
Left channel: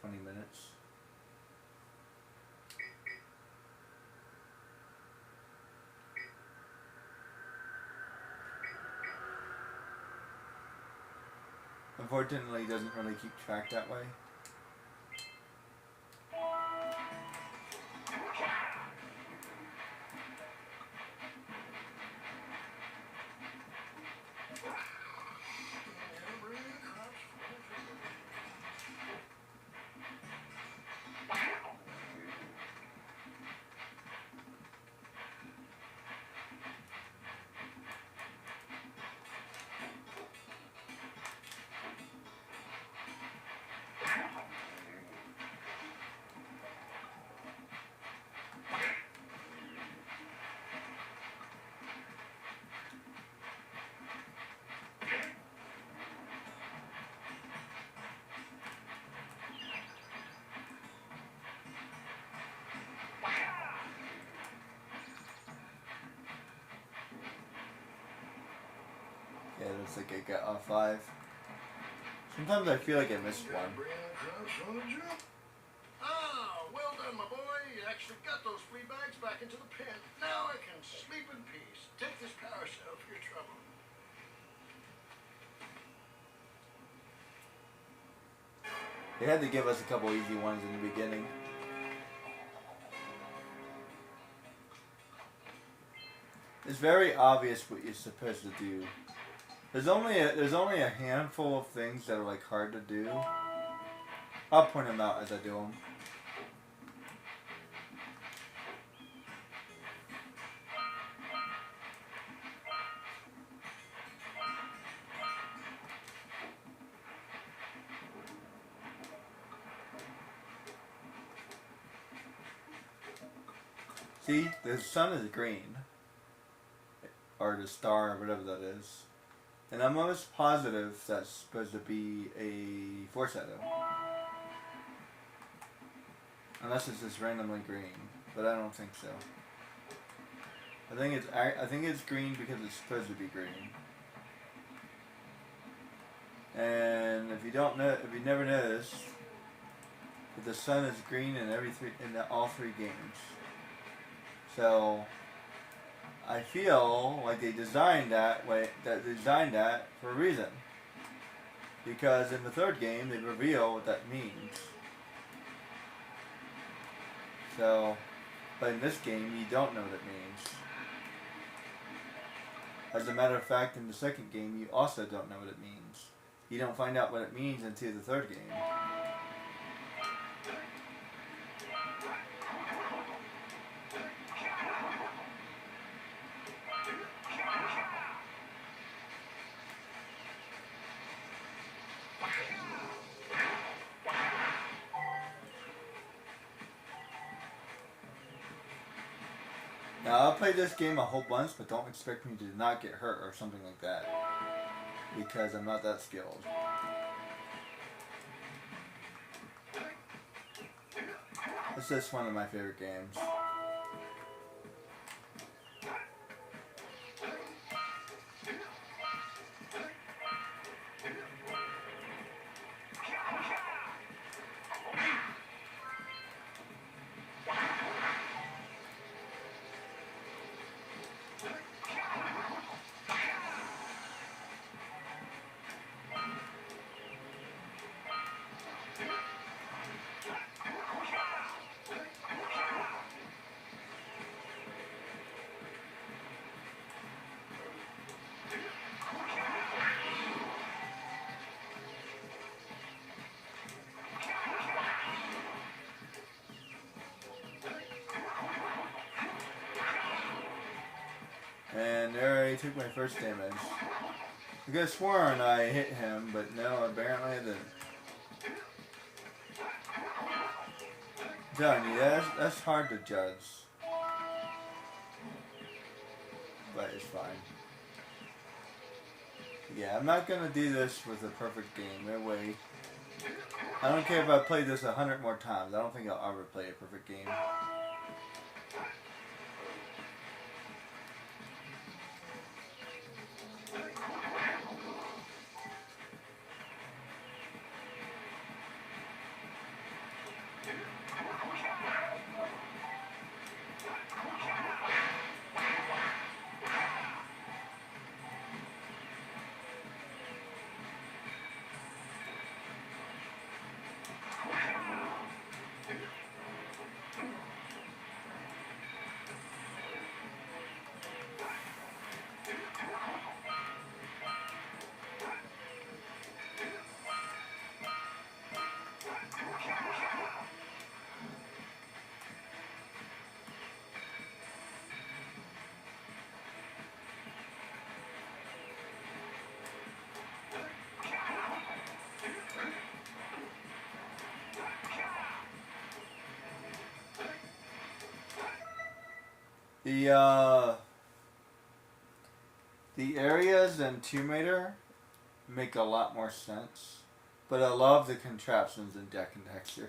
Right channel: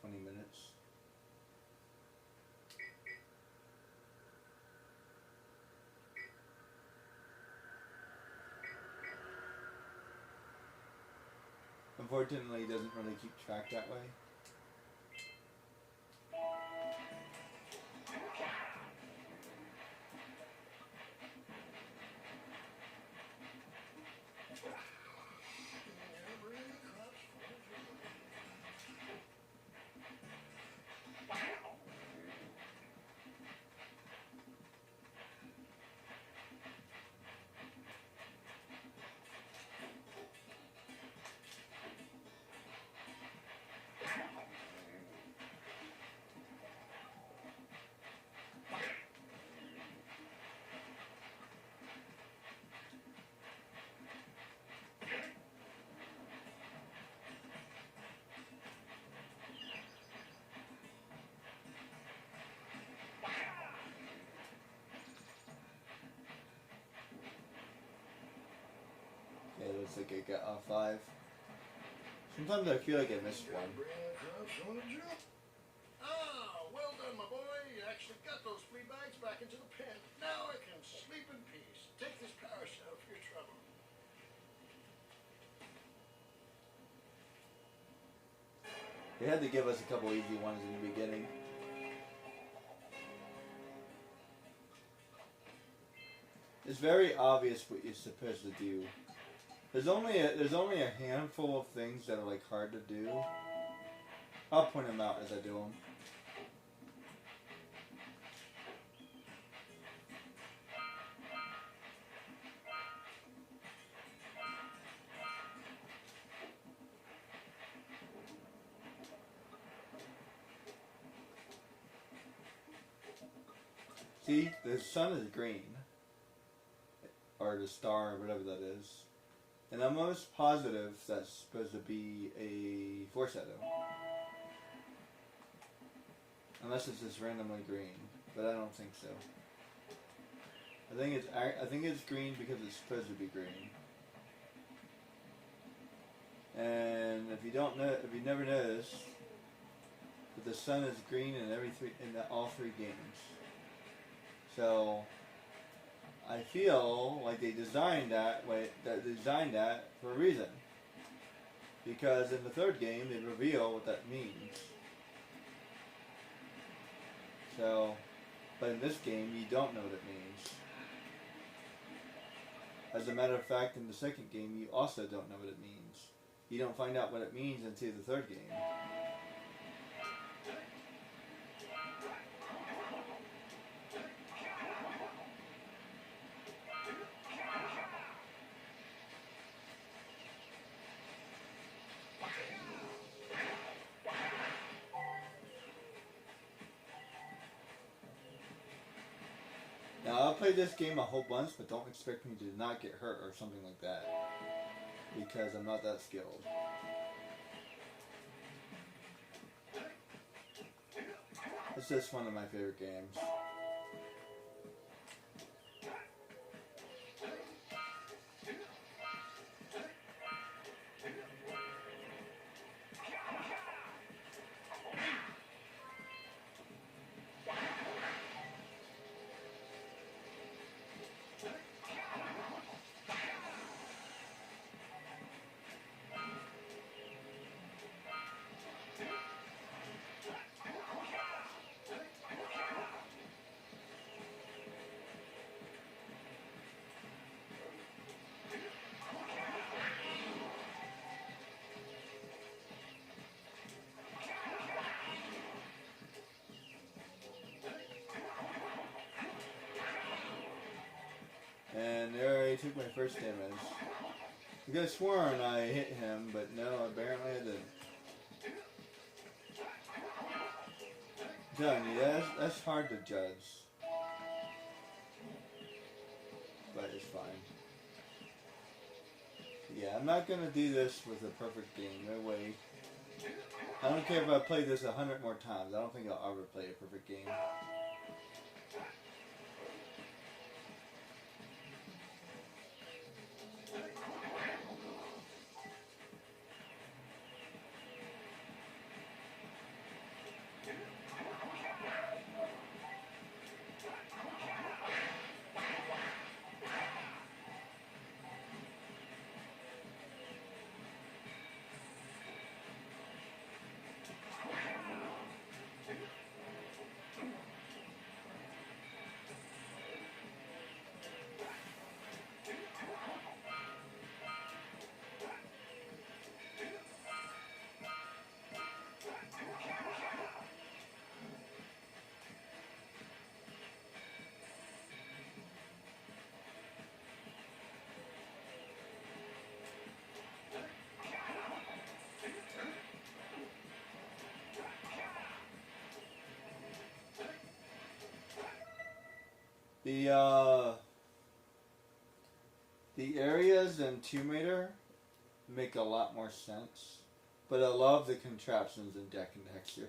20 minutes. unfortunately doesn't really keep track that way. Yeah, it looks like I got off 5. Sometimes I feel like I missed one. Ah, well done, my boy. You actually got those free bags back into the pen. Now I can sleep in peace. Take this paracel for your trouble. They had to give us a couple easy ones in the beginning. It's very obvious what you're supposed to do. There's only a handful of things that are like hard to do. I'll point them out as I do them. See, the sun is green. Or the star, or whatever that is. And I'm almost positive that's supposed to be a foreshadow. Unless it's just randomly green. But I don't think so. I think it's green because it's supposed to be green. And if you never noticed, the sun is green in all 3 games. So I feel like they designed that for a reason. Because in the 3rd game, they reveal what that means. So, but in this game, you don't know what it means. As a matter of fact, in the 2nd game, you also don't know what it means. You don't find out what it means until the 3rd game. Now, I'll play this game a whole bunch, but don't expect me to not get hurt or something like that. Because I'm not that skilled. It's just one of my favorite games. And there I took my first damage. I could have sworn I hit him, but no, apparently I didn't. I'm telling you, that's hard to judge. But it's fine. Yeah, I'm not gonna do this with a perfect game, no way. I don't care if I play this 100 more times, I don't think I'll ever play a perfect game. The areas in Tomb Raider make a lot more sense, but I love the contraptions in Jak and Daxter.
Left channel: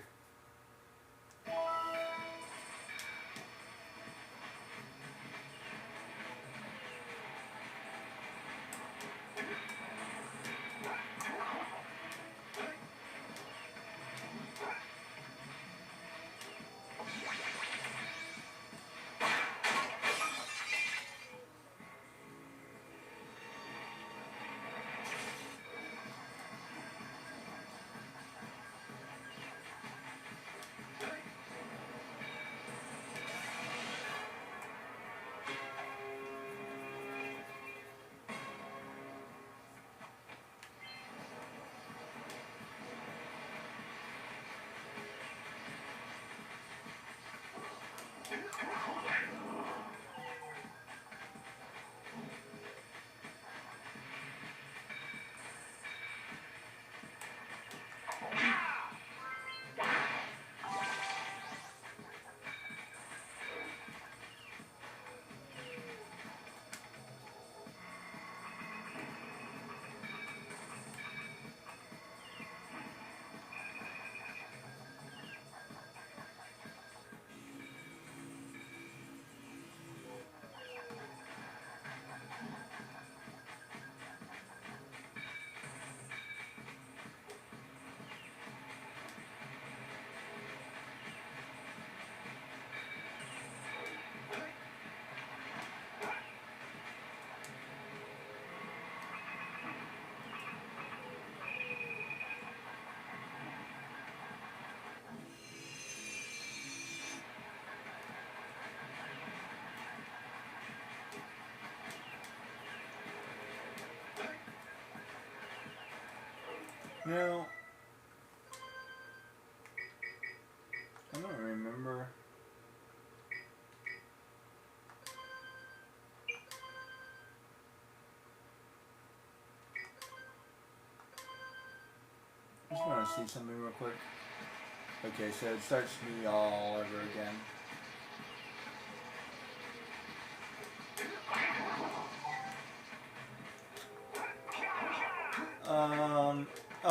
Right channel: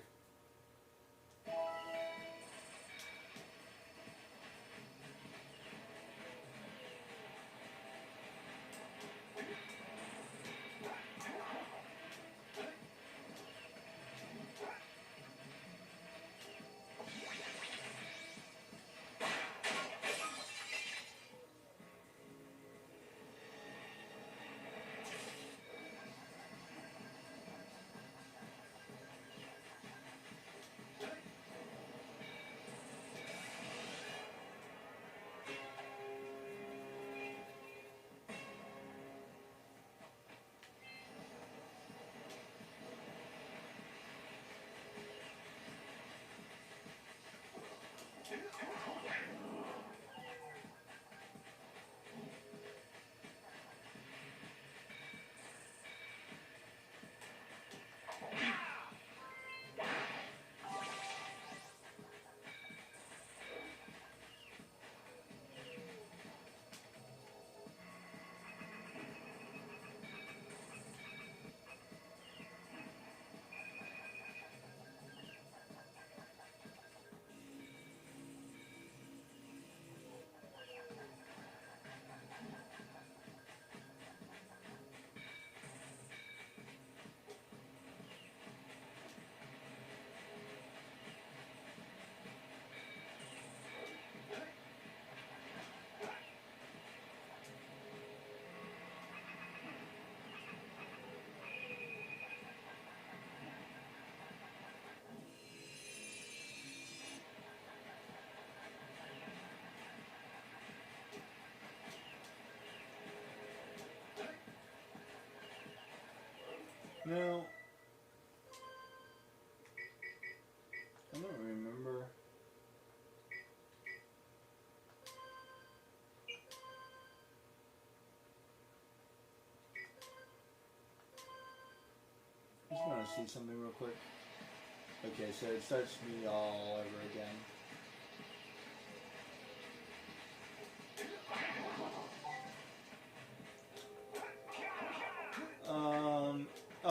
Now, I don't remember. I just want to see something real quick. Okay, so it starts me all over again.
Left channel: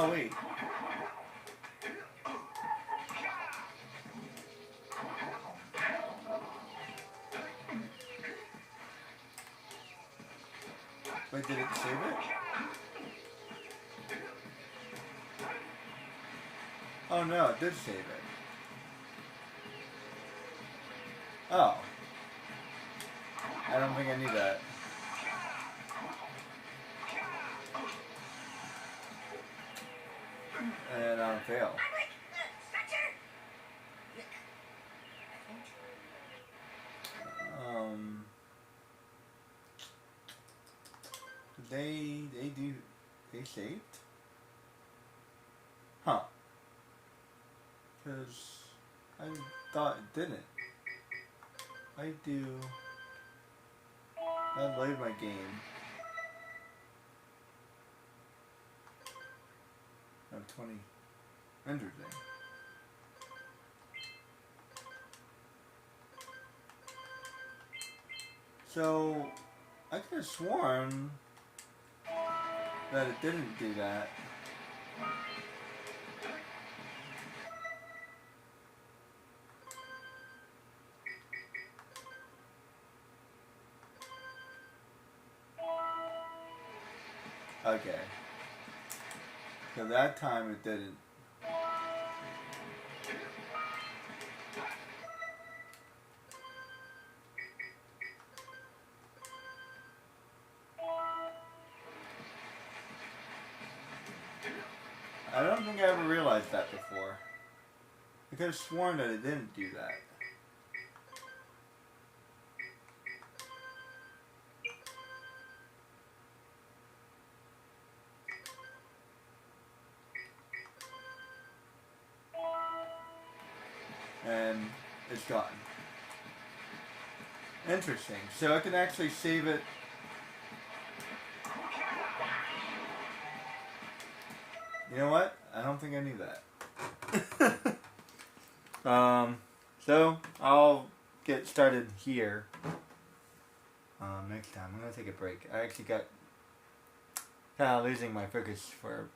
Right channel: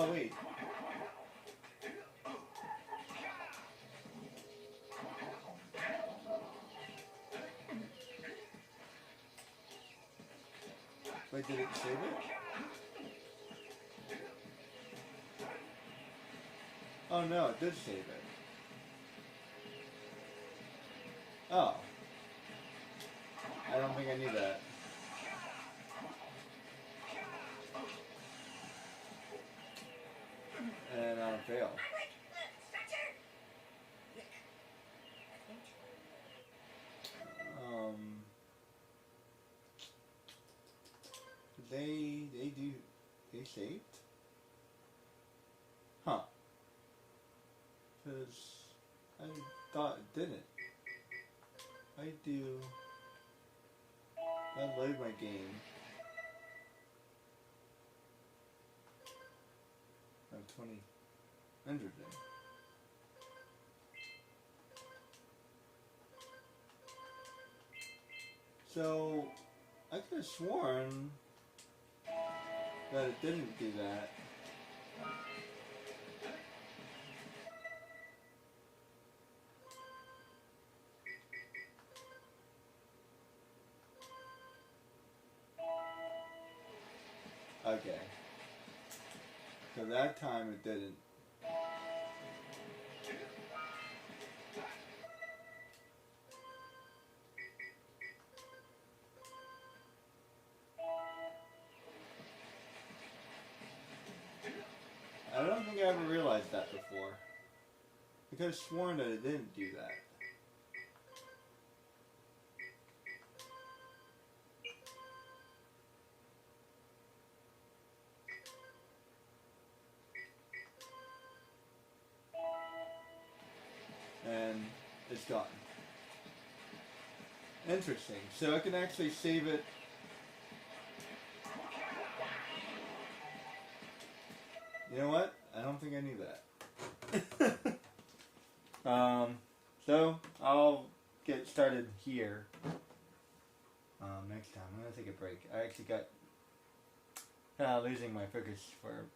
Oh wait. Wait, did it save it? Oh no, it did save it. Oh. I don't think I need that. And then I'll fail. They saved? Huh. Because I thought it didn't. I do. That laid my game. No, 20. Interesting. So, I could have sworn that it didn't do that. Okay. So that time it didn't. I don't think I ever realized that before. I could have sworn that it didn't do that. And it's gone. Interesting. So I can actually save it. You know what? I don't think I knew that. So I'll get started here. next time. I'm gonna take a break. I actually got kind of losing my focus for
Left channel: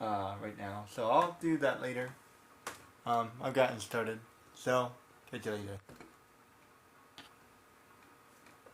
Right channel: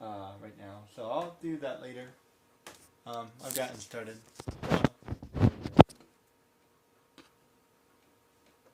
right now, so I'll do that later. I've gotten started. So